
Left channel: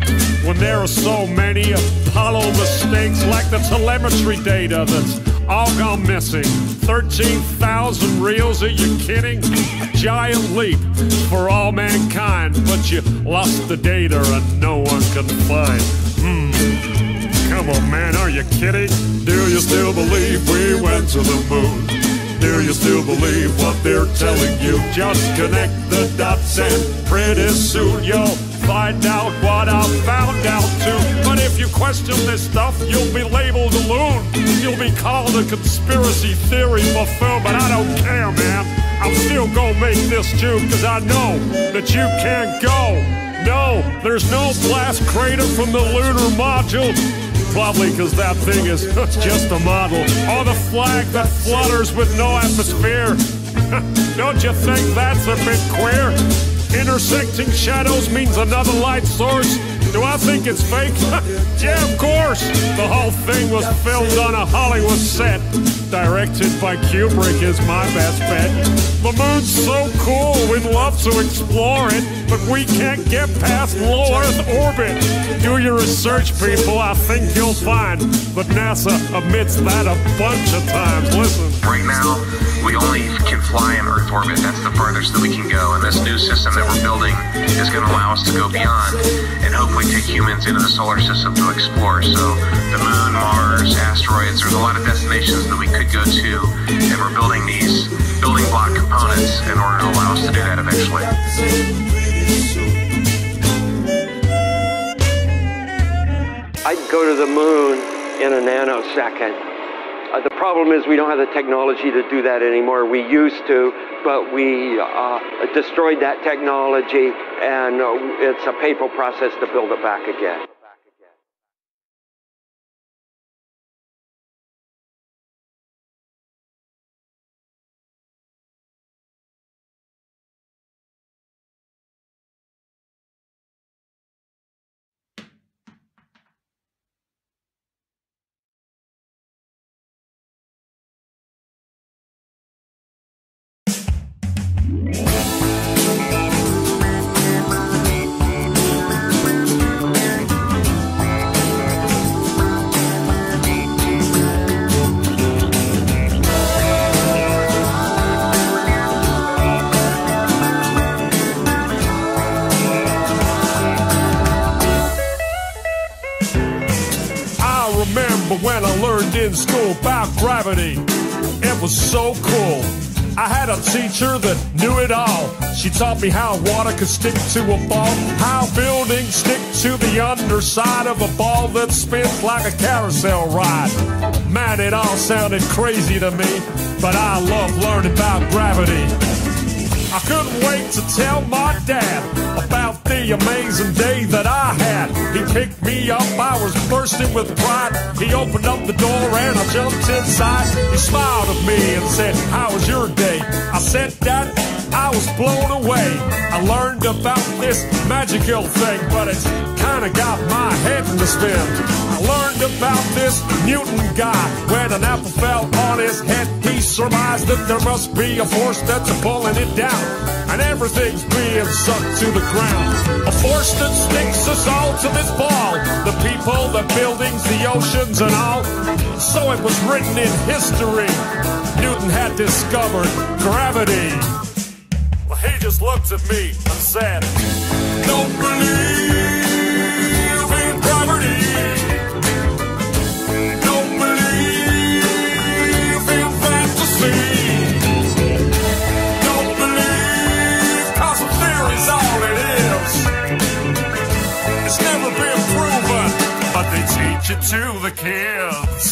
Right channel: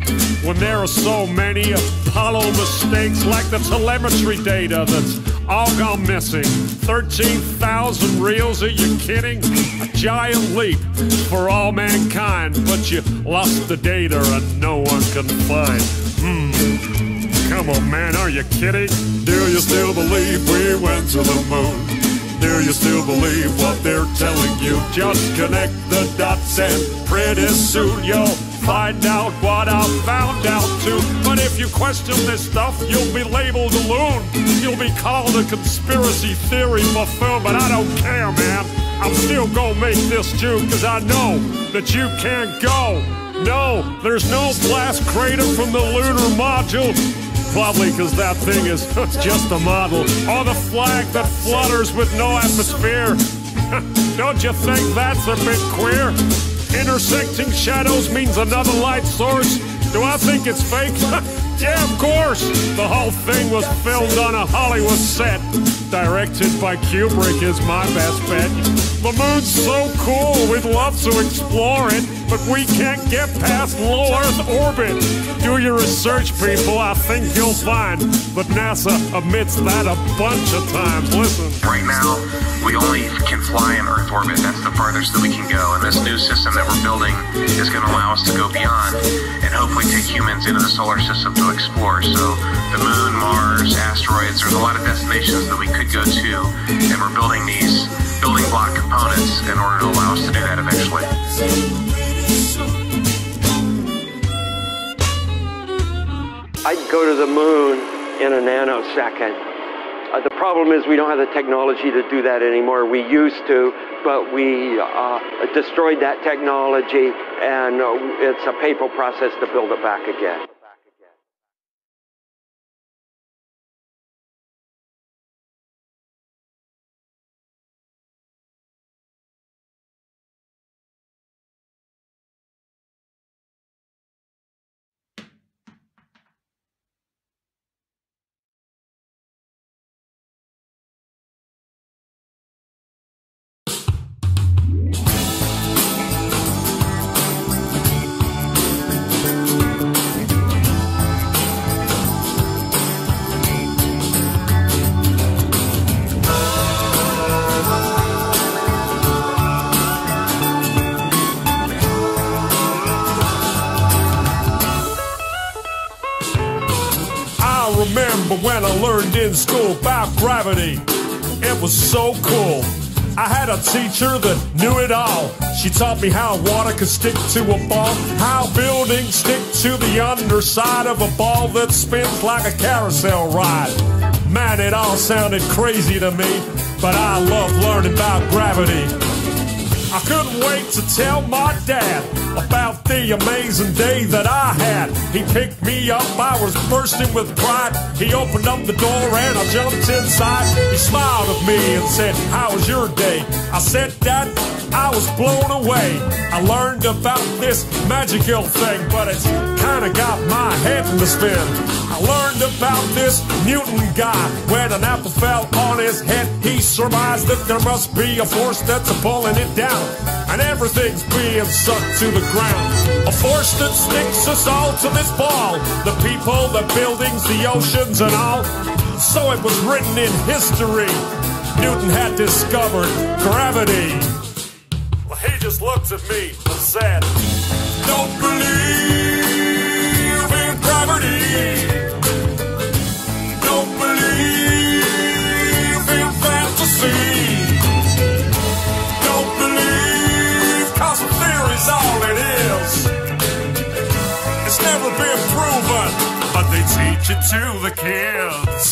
when there are so many Apollo mistakes, like the telemetry data that's all gone missing. 13,000 reels, are you kidding? A giant leap for all mankind, but you lost the data and no one can find. Come on, man, are you kidding? Do you still believe we went to the moon? Do you still believe what they're telling you? Just connect the dots and pretty soon you'll find out what I found out too. But if you question this stuff, you'll be labeled a loon. You'll be called a conspiracy theory buffoon. But I don't care, man. I'm still gonna make this juke, cause I know that you can't go. No, there's no blast crater from the lunar module. Probably cause that thing is just a model. Or the flag that flutters with no atmosphere. Don't you think that's a bit queer? Intersecting shadows means another light source. Do I think it's fake? Yeah, of course. The whole thing was filmed on a Hollywood set. Directed by Kubrick is my best bet. The moon's so cool, we'd love to explore it, but we can't get past low Earth orbit. Do your research, people. I think you'll find that NASA admits that a bunch of times. Listen. Right now, we only can fly in Earth orbit. That's the farthest that we can go. And this new system that we're building is going to allow us to go beyond and hopefully take humans into the solar system to explore. So the moon, Mars, asteroids, there's a lot of destinations that we could go to, and we're building these building block components in order to allow us to do that eventually. I'd go to the moon in a nanosecond. The problem is we don't have the technology to do that anymore. We used to, but we destroyed that technology, and it's a painful process to build it back again. Remember when I learned in school about gravity? It was so cool. I had a teacher that knew it all. She taught me how water could stick to a ball, how buildings stick to the underside of a ball that spins like a carousel ride. Man, it all sounded crazy to me, but I love learning about gravity. I couldn't wait to tell my dad about the amazing day that I had. He picked me up, I was bursting with pride. He opened up the door and I jumped inside. He smiled at me and said, "How was your day?" I said, "Dad, I was blown away. I learned about this magical thing, but it's kinda got my head in the spin. I learned about this Newton guy. When an apple fell on his head, he surmised that there must be a force that's pulling it down, and everything's being sucked to the ground. A force that sticks us all to this ball. The people, the buildings, the oceans and all. So it was written in history. Newton had discovered gravity." Well, he just looked at me and said, "Don't believe in gravity. Don't believe in fantasy. Don't believe, 'cause the theory's all it is. It's never been proven, but they teach it to the kids."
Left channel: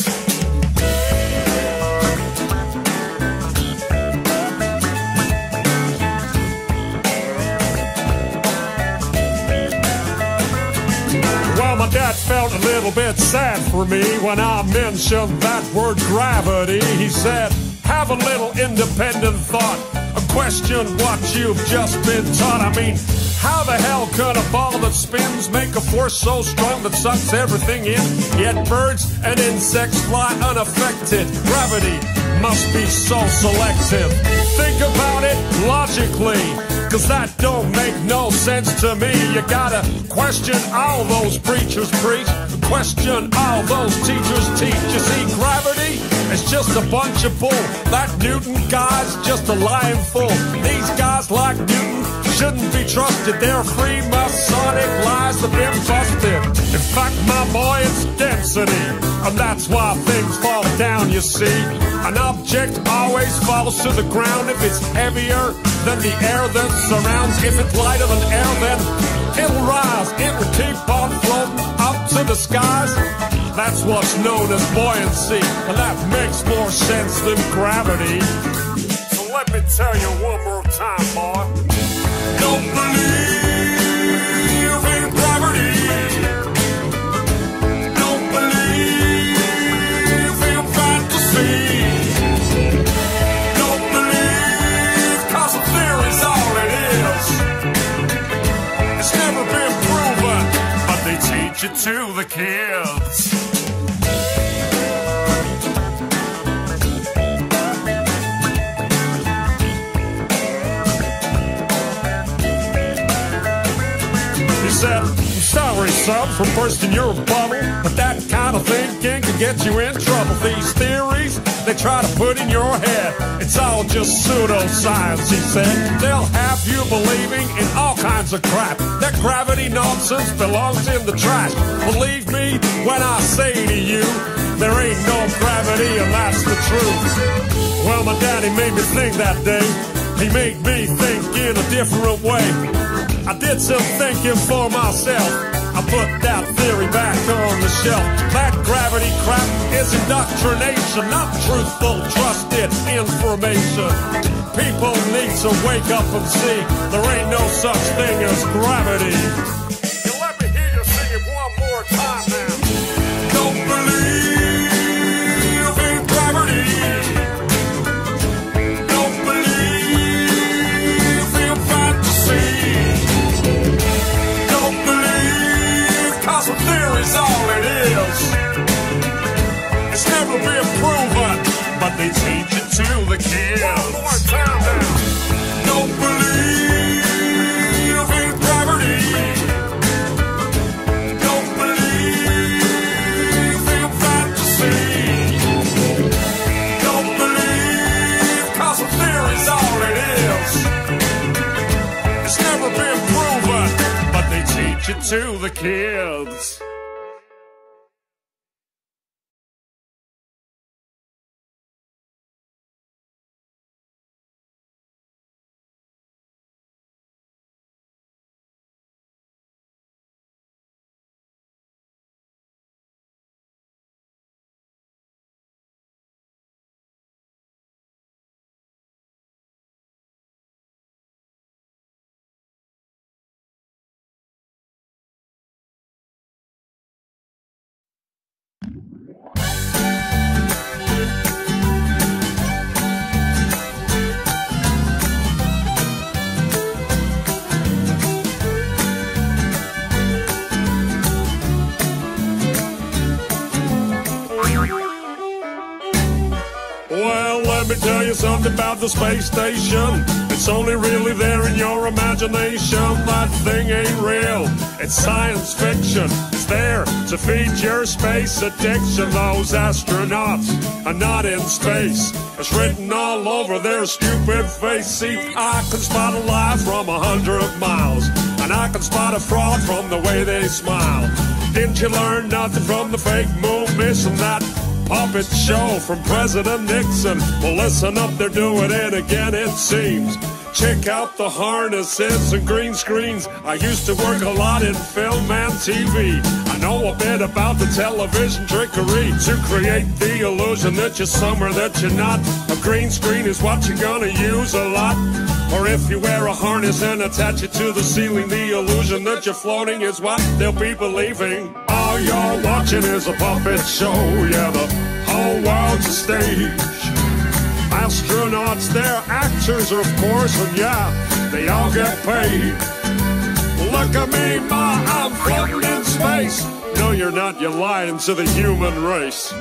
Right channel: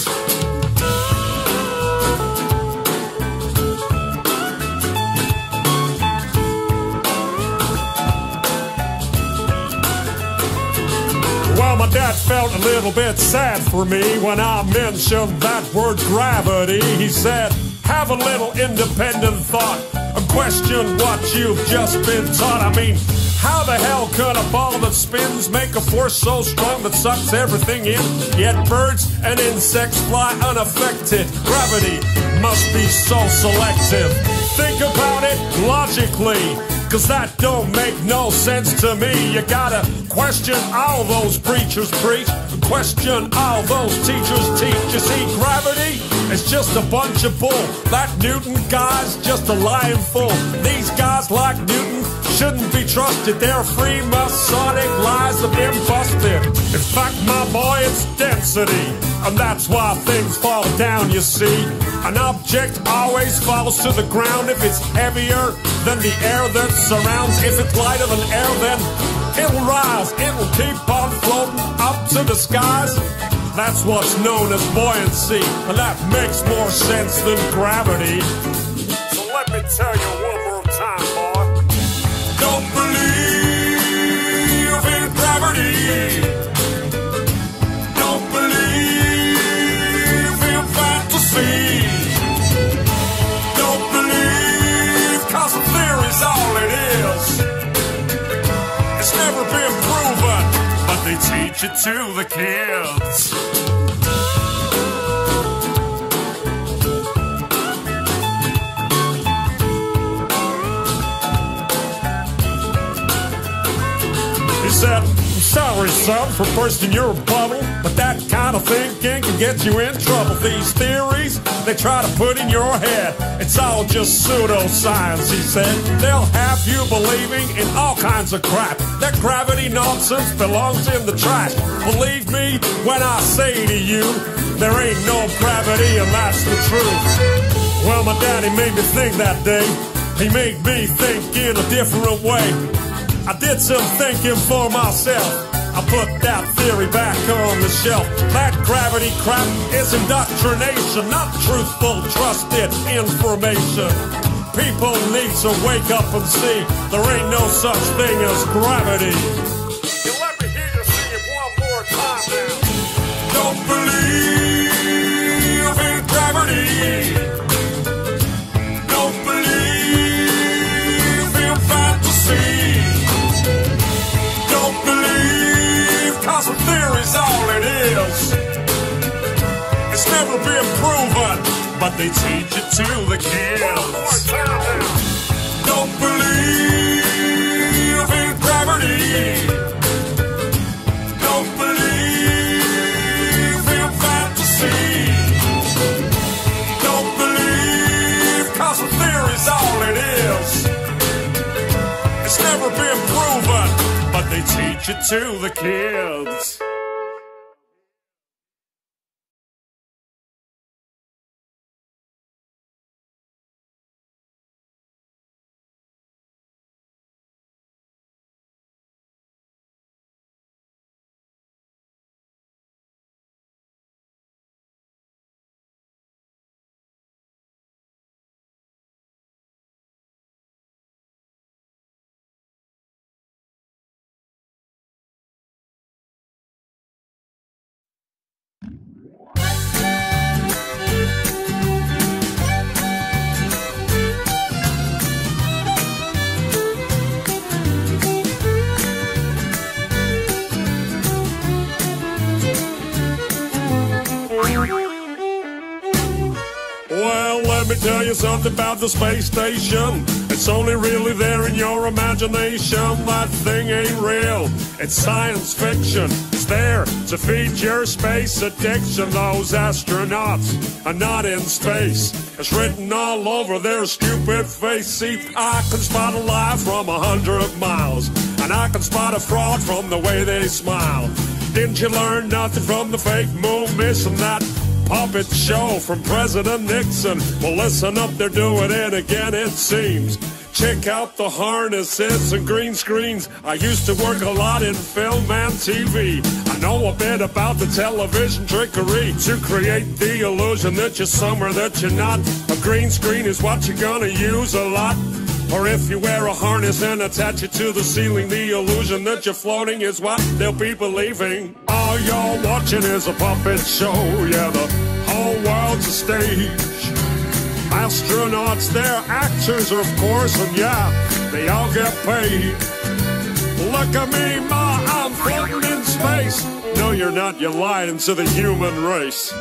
Well, my dad felt a little bit sad for me when I mentioned that word gravity. He said, "Have a little independent thought and question what you've just been taught. I mean, how the hell can a ball that spins make a force so strong that sucks everything in? Yet birds and insects fly unaffected. Gravity must be so selective. Think about it logically, 'cause that don't make no sense to me. You gotta question all those preachers preach, question all those teachers teach. You see, gravity is just a bunch of bull. That Newton guy's just a lying fool. These guys like Newton shouldn't be trusted. Their free Masonic lies have been busted. In fact, my boy, it's density, and that's why things fall down, you see. An object always falls to the ground if it's heavier than the air that surrounds. If it's lighter than air, then it'll rise. It'll keep on floating up to the skies. That's what's known as buoyancy, and that makes more sense than gravity. So let me tell you one more time, boy. Don't believe in gravity. Don't believe in fantasy. Don't believe, 'cause the theory's all it is. It's never been proven, but they teach it to the kids. He said, I'm sorry, son, for bursting your bubble, but that kind of thinking can get you in trouble. These theories they try to put in your head, it's all just pseudoscience, he said. They'll have you believing in all kinds of crap. That gravity nonsense belongs in the trash. Believe me when I say to you, there ain't no gravity, and that's the truth. Well, my daddy made me think that day. He made me think in a different way. I did some thinking for myself. I put that theory back on the shelf. That gravity crap is indoctrination, not truthful, trusted information. People need to wake up and see there ain't no such thing as gravity. You let me hear you sing it one more time now. Don't believe in gravity. Don't believe in fantasy. Don't believe, 'cause the theory's all it is. It's never been proven, but they teach it to the kids. One more time now. Don't believe in gravity. Don't believe in fantasy. Don't believe, 'cause the theory's all it is. It's never been proven, but they teach it to the kids. Well, let me tell you something about the space station. It's only really there in your imagination. That thing ain't real, it's science fiction. It's there to feed your space addiction. Those astronauts are not in space. It's written all over their stupid face. See, I can spot a lie from 100 miles, and I can spot a fraud from the way they smile. Didn't you learn nothing from the fake moon mission? That puppet show from President Nixon. Well, listen up, they're doing it again, it seems. Check out the harnesses and green screens. I used to work a lot in film and TV. I know a bit about the television trickery to create the illusion that you're somewhere that you're not. A green screen is what you're gonna use a lot. Or if you wear a harness and attach it to the ceiling, the illusion that you're floating is what they'll be believing. All you're watching is a puppet show, yeah, the whole world's a stage. Astronauts, they're actors, of course, and yeah, they all get paid. Look at me, ma, I'm floating in space. No, you're not, you're lying to the human race.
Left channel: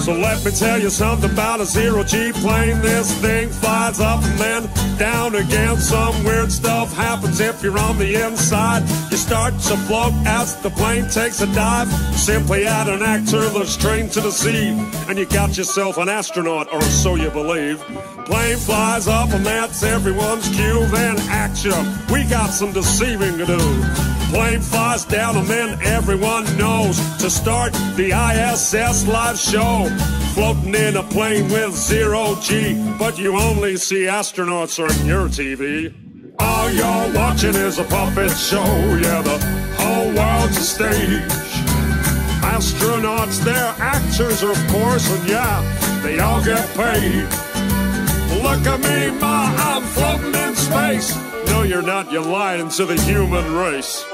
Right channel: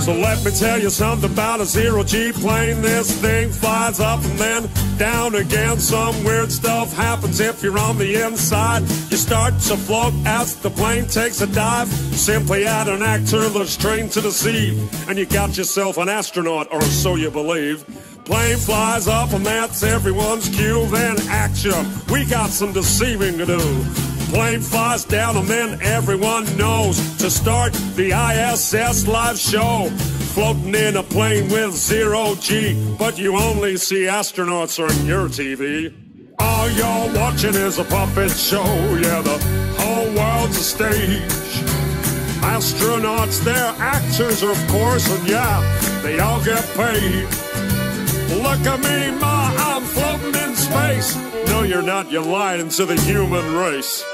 So let me tell you something about a zero-G plane. This thing flies up and then down again. Some weird stuff happens if you're on the inside. You start to float as the plane takes a dive. Simply add an actor that's trained to deceive, and you got yourself an astronaut, or so you believe. Plane flies up and that's everyone's cue. Then action, we got some deceiving to do. Plane flies down and then everyone knows to start the ISS live show. Floating in a plane with zero-G, but you only see astronauts on your TV. All you're watching is a puppet show, yeah, the whole world's a stage. Astronauts, they're actors, of course, and yeah, they all get paid. Look at me, ma, I'm floating in space. No, you're not, you're lying to the human race.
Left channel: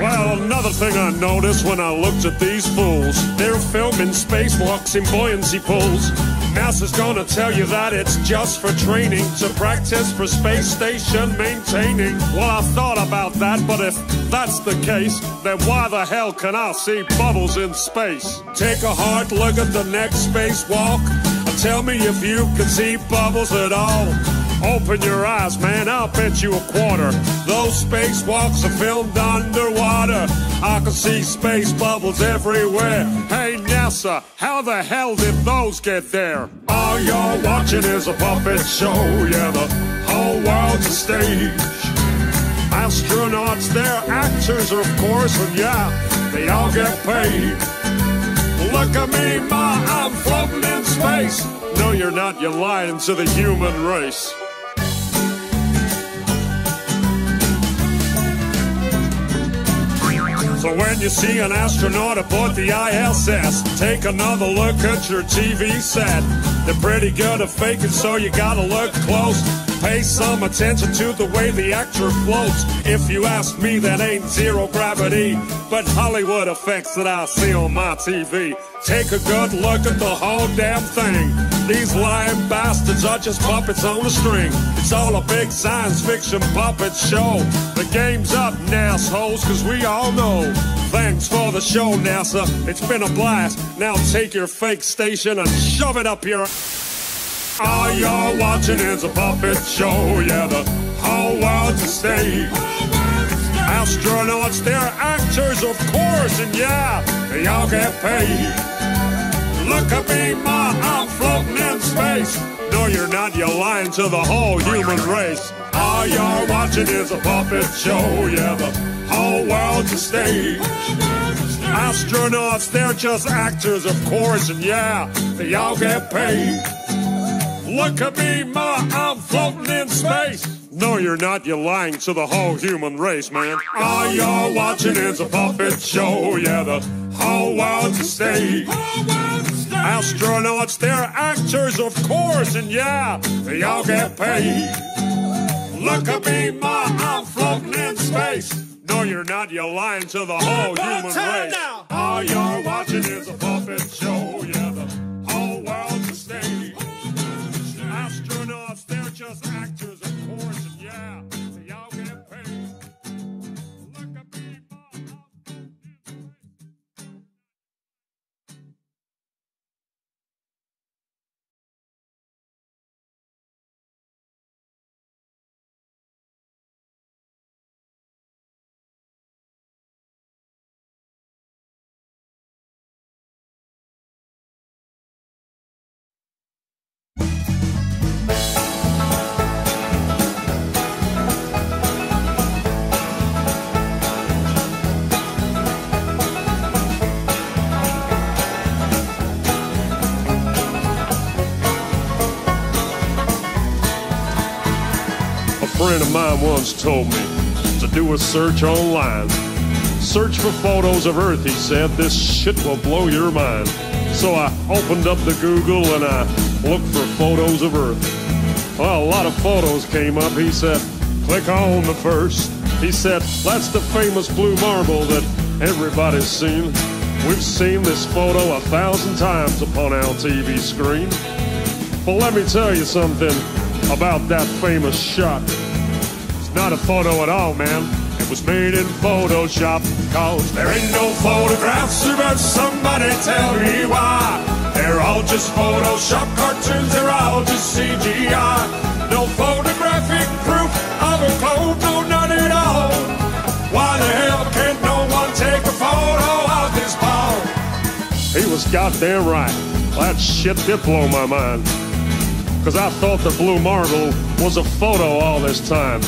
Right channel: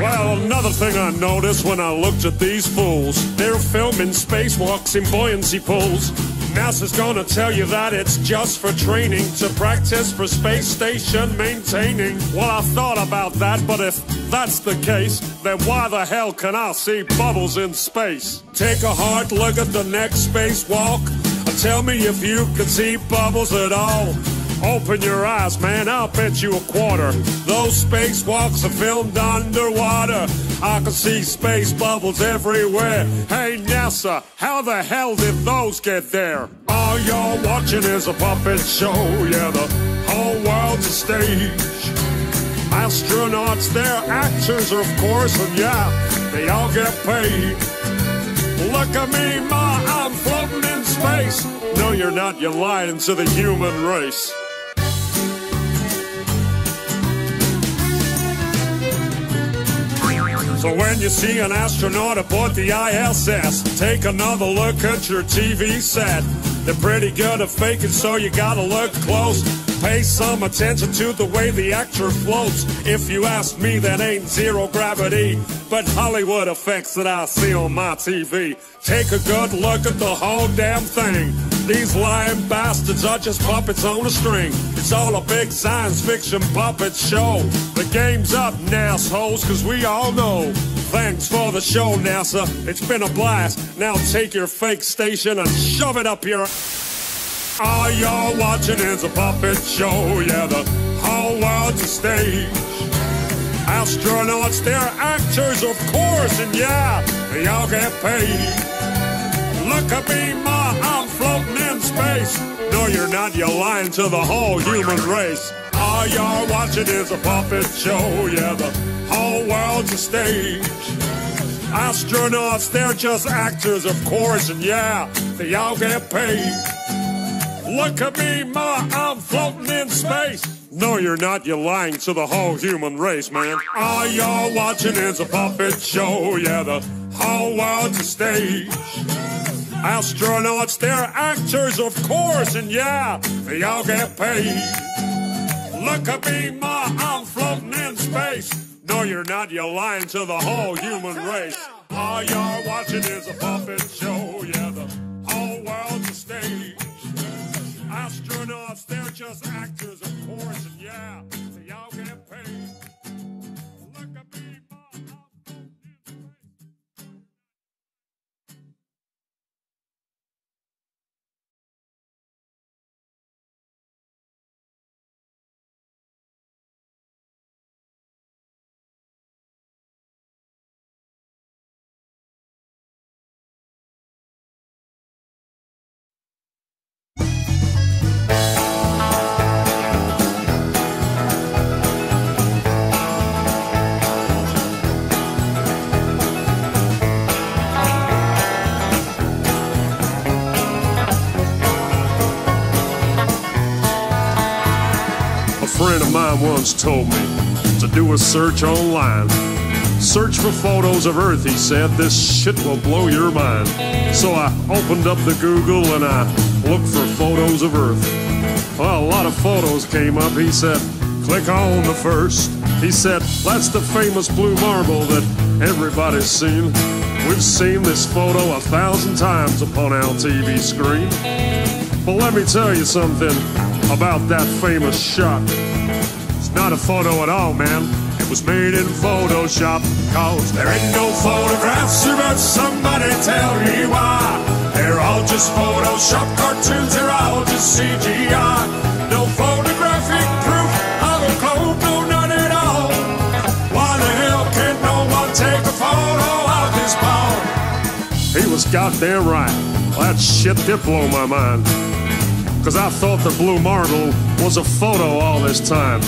Well, another thing I noticed when I looked at these fools, they're filming spacewalks in buoyancy pools. NASA's gonna tell you that it's just for training, to practice for space station maintaining. Well, I thought about that, but if that's the case, then why the hell can I see bubbles in space? Take a hard look at the next spacewalk, and tell me if you can see bubbles at all. Open your eyes, man, I'll bet you a quarter those spacewalks are filmed underwater. I can see space bubbles everywhere. Hey, NASA, how the hell did those get there? All you're watching is a puppet show, yeah, the whole world's a stage. Astronauts, they're actors, of course, and yeah, they all get paid. Look at me, ma, I'm floating in space. No, you're not, you're lying to the human race. So when you see an astronaut aboard the ISS, take another look at your TV set. They're pretty good at faking, so you gotta look close. Pay some attention to the way the actor floats. If you ask me, that ain't zero gravity, but Hollywood effects that I see on my TV. Take a good look at the whole damn thing. These lying bastards are just puppets on a string. It's all a big science fiction puppet show. The game's up, NASHoles, cause we all know. Thanks for the show, NASA. It's been a blast. Now take your fake station and shove it up your... All you're watching is a puppet show, yeah, the whole world's a stage. Astronauts, they're actors, of course, and yeah, they all get paid. Look at me, ma, I'm floating in space. No, you're not, you're lying to the whole human race. All you're watching is a puppet show, yeah, the whole world's a stage. Astronauts, they're just actors, of course, and yeah, they all get paid. Look at me, ma, I'm floating in space. No, you're not, you're lying to the whole human race, man. All you're watching is a puppet show, yeah, the whole world's a stage. Astronauts, they're actors, of course, and yeah, they all get paid. Look at me, ma, I'm floating in space. No, you're not, you're lying to the whole human race. All you're watching is a puppet show, yeah, the whole world's a stage. Astronauts, they're just actors, of course, and yeah, they all get paid. Look at me, ma, I'm floating in space. A friend of mine once told me to do a search online. Search for photos of Earth, he said. This shit will blow your mind. So I opened up the Google and I looked for photos of Earth. Well, a lot of photos came up. He said, click on the first. He said, that's the famous blue marble that everybody's seen. We've seen this photo 1,000 times upon our TV screen. But let me tell you something about that famous shot. It's not a photo at all, man. It was made in Photoshop. Cause there ain't no photographs, but somebody tell me why. They're all just Photoshop cartoons, they're all just CGI. No photographic proof of a globe, no none at all. Why the hell can't no one take a photo of this ball? He was goddamn right. That shit did blow my mind. Cause I thought the blue marble was a photo all this time.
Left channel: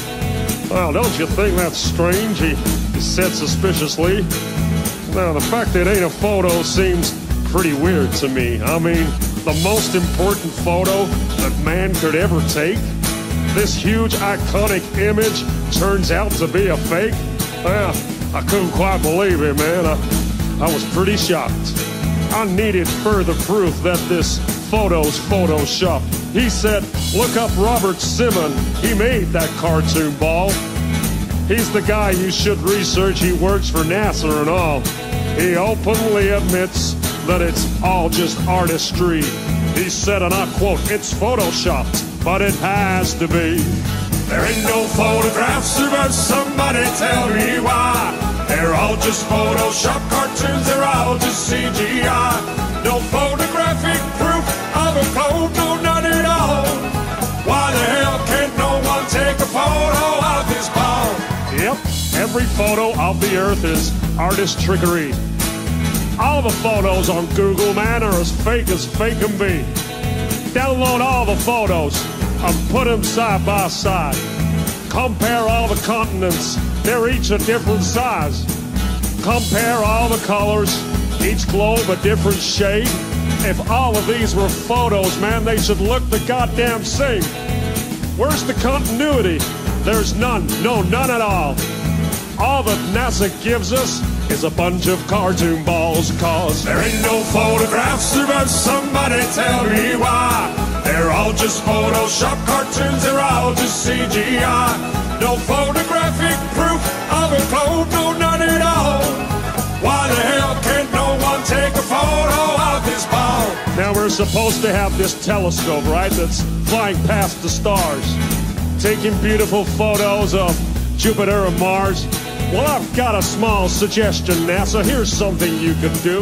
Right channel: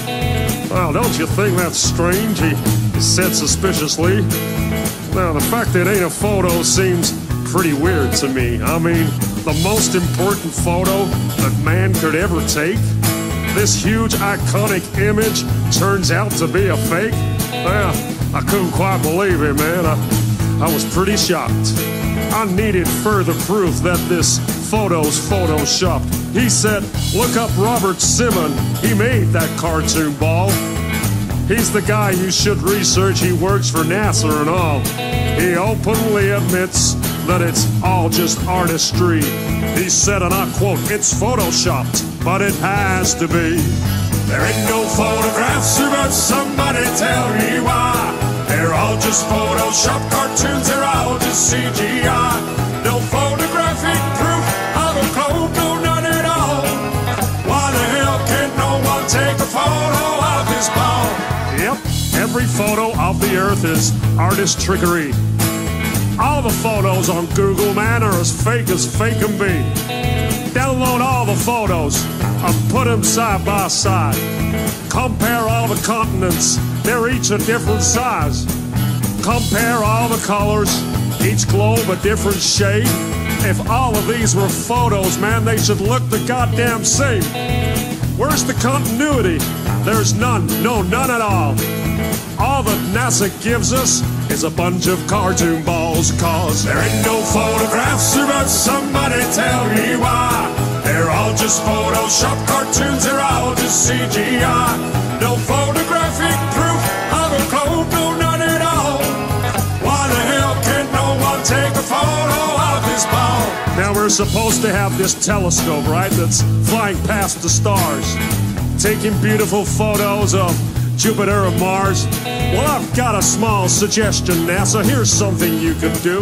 Well, don't you think that's strange? He said suspiciously. Now, the fact that it ain't a photo seems pretty weird to me. I mean, the most important photo that man could ever take? This huge iconic image turns out to be a fake? Well, I couldn't quite believe it, man. I was pretty shocked. I needed further proof that this photo's photoshopped. He said, look up Robert Simon. He made that cartoon ball. He's the guy you should research. He works for NASA and all. He openly admits that it's all just artistry. He said, and I quote, it's photoshopped, but it has to be. There ain't no photographs, but somebody tell me why. They're all just Photoshop cartoons, they're all just CGI. No photographic proof of a globe, no none at all. Why the hell can't no one take a photo of this ball? Yep, every photo of the Earth is artist trickery. All the photos on Google, man, are as fake can be. Download all the photos and put them side by side. Compare all the continents, they're each a different size. Compare all the colors, each globe a different shade. If all of these were photos, man, they should look the goddamn same. Where's the continuity? There's none, no, none at all. All that NASA gives us is a bunch of cartoon balls. Cause there ain't no photographs, but somebody tell me why. They're all just Photoshop cartoons, they're all just CGI. No photographic proof of a globe, no none at all. Why the hell can't no one take a photo of this ball? Now we're supposed to have this telescope, right, that's flying past the stars, taking beautiful photos of Jupiter and Mars. Well, I've got a small suggestion, NASA. Here's something you could do.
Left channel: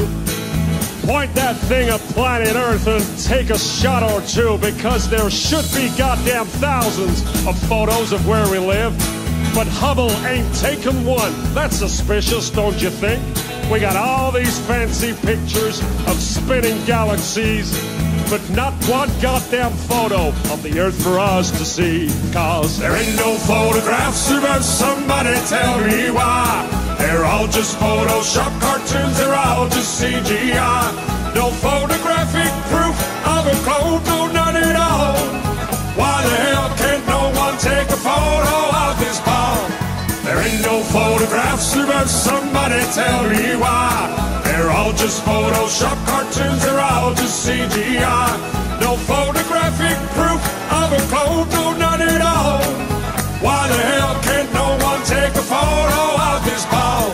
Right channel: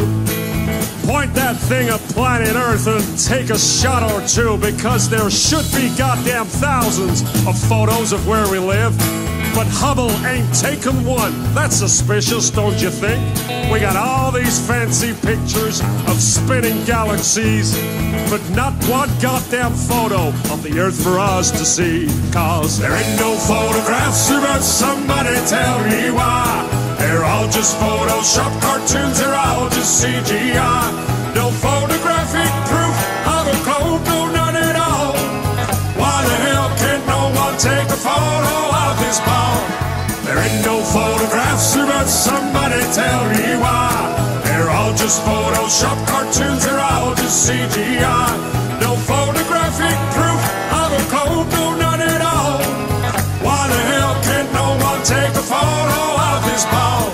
Point that thing at planet Earth and take a shot or two, because there should be goddamn thousands of photos of where we live. But Hubble ain't taken one. That's suspicious, don't you think? We got all these fancy pictures of spinning galaxies, but not one goddamn photo of the Earth for us to see. Cause there ain't no photographs, but somebody tell me why. They're all just Photoshop cartoons, they're all just CGI. No photographic proof of a globe, no none at all. Why the hell can't no one take a photo of this ball? There ain't no photographs, but somebody tell me why. They're all just Photoshop cartoons, they're all just CGI. No photographic proof of a globe, no none at all. Why the hell can't no one take a photo of this ball?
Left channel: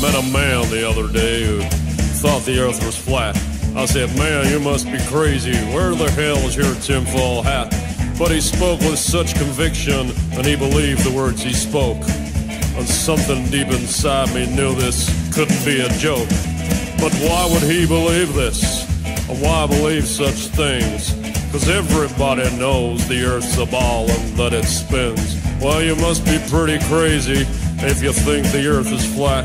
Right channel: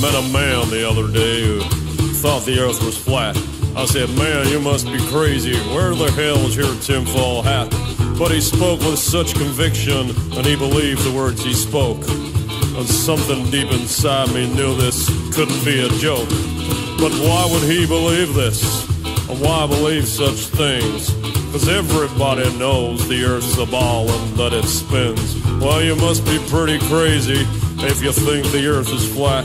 Met a man the other day who thought the earth was flat. I said, man, you must be crazy. Where the hell is your tinfoil hat? But he spoke with such conviction, and he believed the words he spoke. And something deep inside me knew this couldn't be a joke. But why would he believe this? of why I believe such things. 'Cause everybody knows the Earth's a ball and that it spins. Well, you must be pretty crazy if you think the Earth is flat.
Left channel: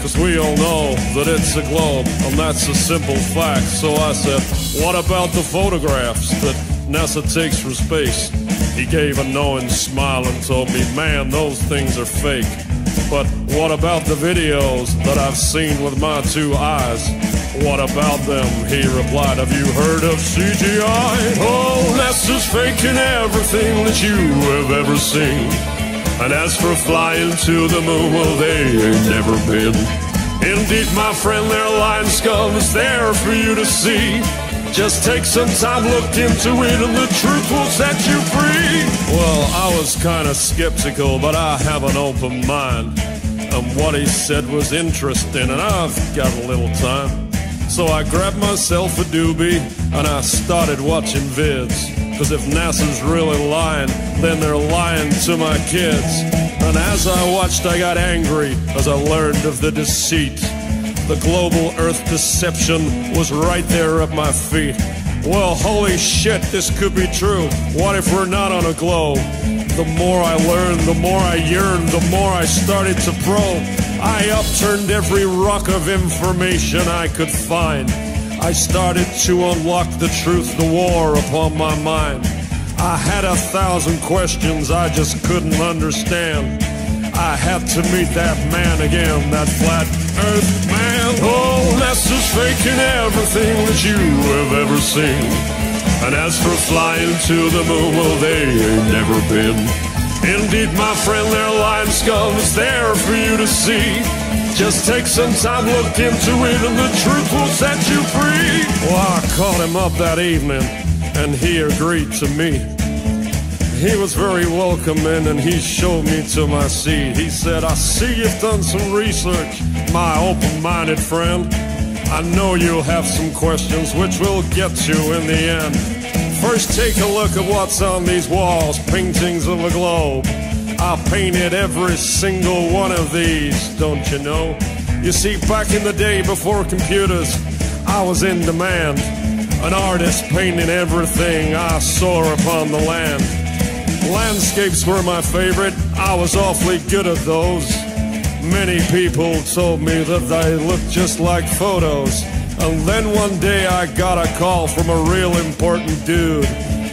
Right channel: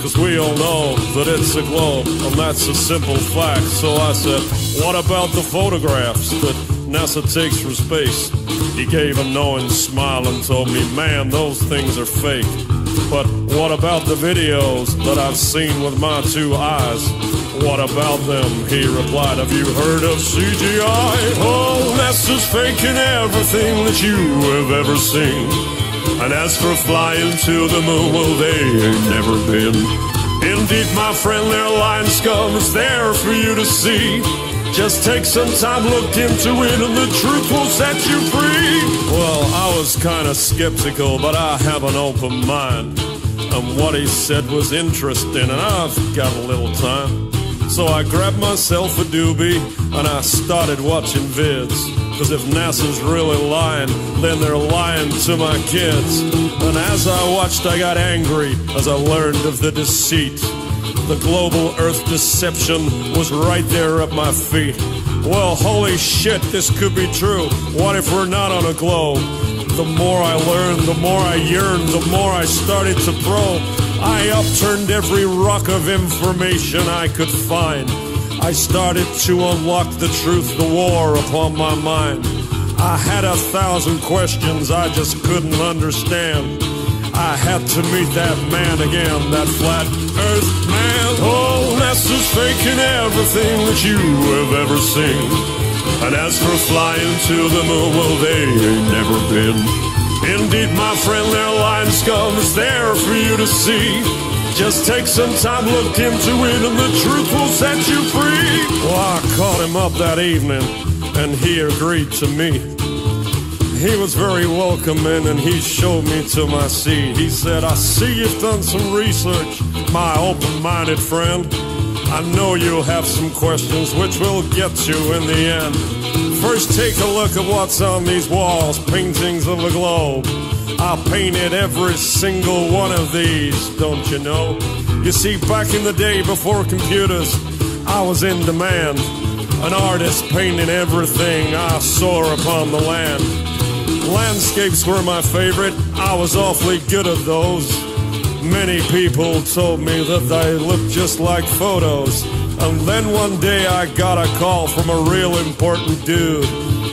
'Cause we all know that it's a globe, and that's a simple fact. So I said, what about the photographs that NASA takes from space? He gave a knowing smile and told me, man, those things are fake. But what about the videos that I've seen with my two eyes? What about them? He replied, have you heard of CGI? Oh, NASA's faking everything that you have ever seen. And as for flying to the moon, well, they ain't never been. Indeed, my friend, their lying scum is there for you to see. Just take some time, look into it, and the truth will set you free. Well, I was kind of skeptical, but I have an open mind. And what he said was interesting, and I've got a little time. So I grabbed myself a doobie, and I started watching vids. 'Cause if NASA's really lying, then they're lying to my kids. And as I watched, I got angry as I learned of the deceit. The global Earth deception was right there at my feet. Well, holy shit, this could be true. What if we're not on a globe? The more I learned, the more I yearned, the more I started to probe. I upturned every rock of information I could find. I started to unlock the truth, the war upon my mind. I had 1,000 questions I just couldn't understand. I had to meet that man again, that flat Earth man. Oh, NASA's faking everything that you have ever seen. And as for flying to the moon, well, they ain't never been. Indeed, my friend, their lying scum is there for you to see. Just take some time, look into it, and the truth will set you free. Well, I called him up that evening, and he agreed to meet. He was very welcoming, and he showed me to my seat. He said, I see you've done some research, my open-minded friend. I know you'll have some questions, which we'll get to in the end. First, take a look at what's on these walls, paintings of a globe. I painted every single one of these, don't you know? You see, back in the day before computers, I was in demand. An artist painting everything I saw upon the land. Landscapes were my favorite, I was awfully good at those. Many people told me that they looked just like photos. And then one day I got a call from a real important dude.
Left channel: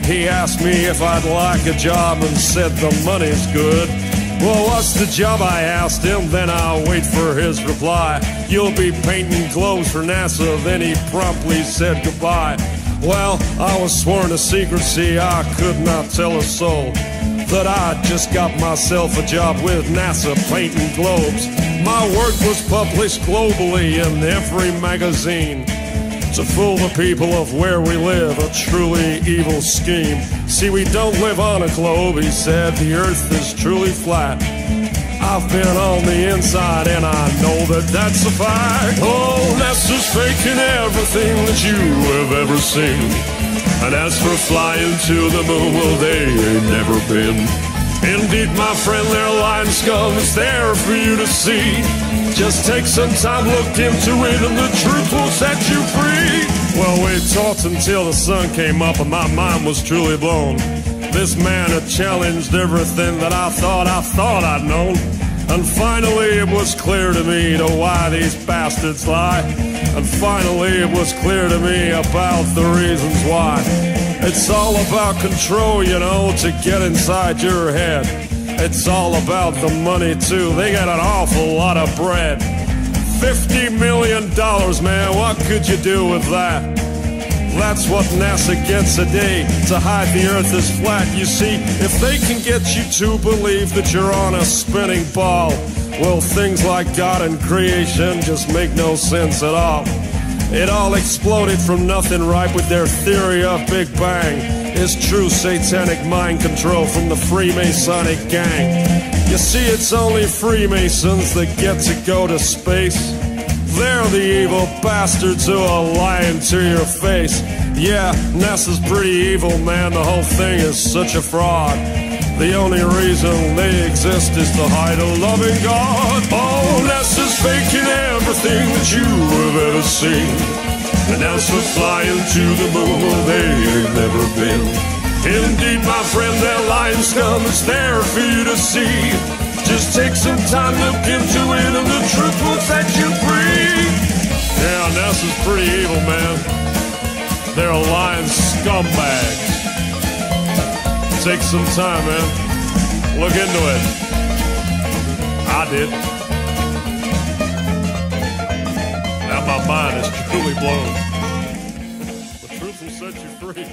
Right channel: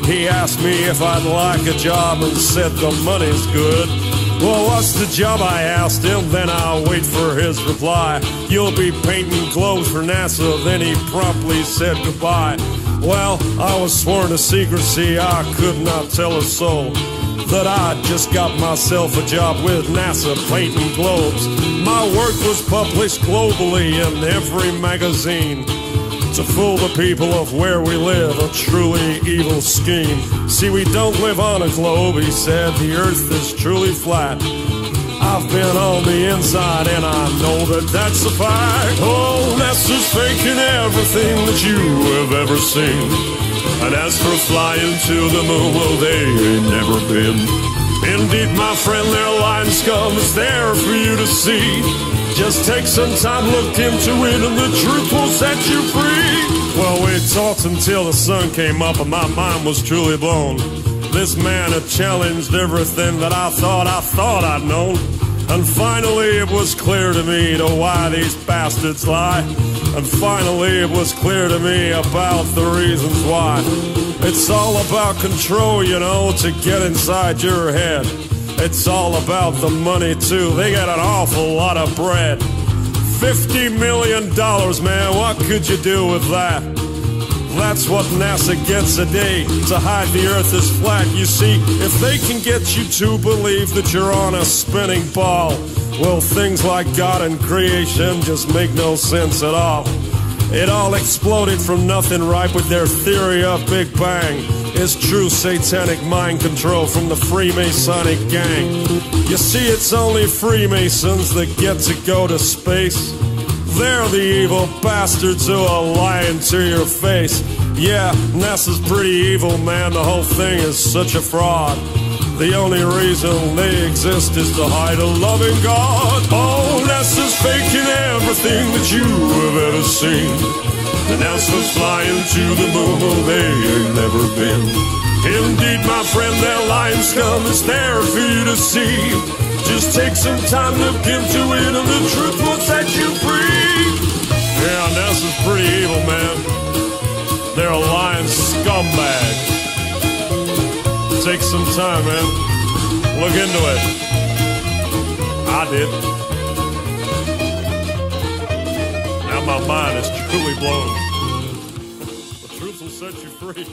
He asked me if I'd like a job and said the money's good. Well, what's the job, I asked him, then I'll wait for his reply. You'll be painting globes for NASA, then he promptly said goodbye. Well, I was sworn to secrecy, I could not tell a soul that I'd just got myself a job with NASA painting globes. My work was published globally in every magazine to fool the people of where we live, a truly evil scheme. See, we don't live on a globe, he said, the Earth is truly flat. I've been on the inside and I know that that's a fact. Oh, NASA's faking everything that you have ever seen. And as for flying to the moon, well, they ain't never been. Indeed, my friend, their lying scum is there for you to see. Just take some time, look into it, and the truth will set you free. Well, we talked until the sun came up and my mind was truly blown. This man had challenged everything that I thought I'd known. And finally it was clear to me to why these bastards lie. And finally it was clear to me about the reasons why. It's all about control, you know, to get inside your head. It's all about the money too, they got an awful lot of bread. $50 million, man, what could you do with that? That's what NASA gets a day, to hide the Earth is flat. You see, if they can get you to believe that you're on a spinning ball, well, things like God and creation just make no sense at all. It all exploded from nothing, right, with their theory of Big Bang. It's true satanic mind control from the Freemasonic gang. You see, it's only Freemasons that get to go to space. They're the evil bastards who are lying to your face. Yeah, NASA's pretty evil, man, the whole thing is such a fraud. The only reason they exist is to hide a loving God. Oh, NASA's faking everything that you have ever seen. And NASA's flying to the moon, well, they ain't never been. Indeed, my friend, their lying scum is there for you to see. Just take some time, look into it, and the truth will set you free. Yeah, NASA's pretty evil, man. They're a lying scumbag. Take some time, man. Look into it. I did. Now my mind is truly blown. The truth will set you free.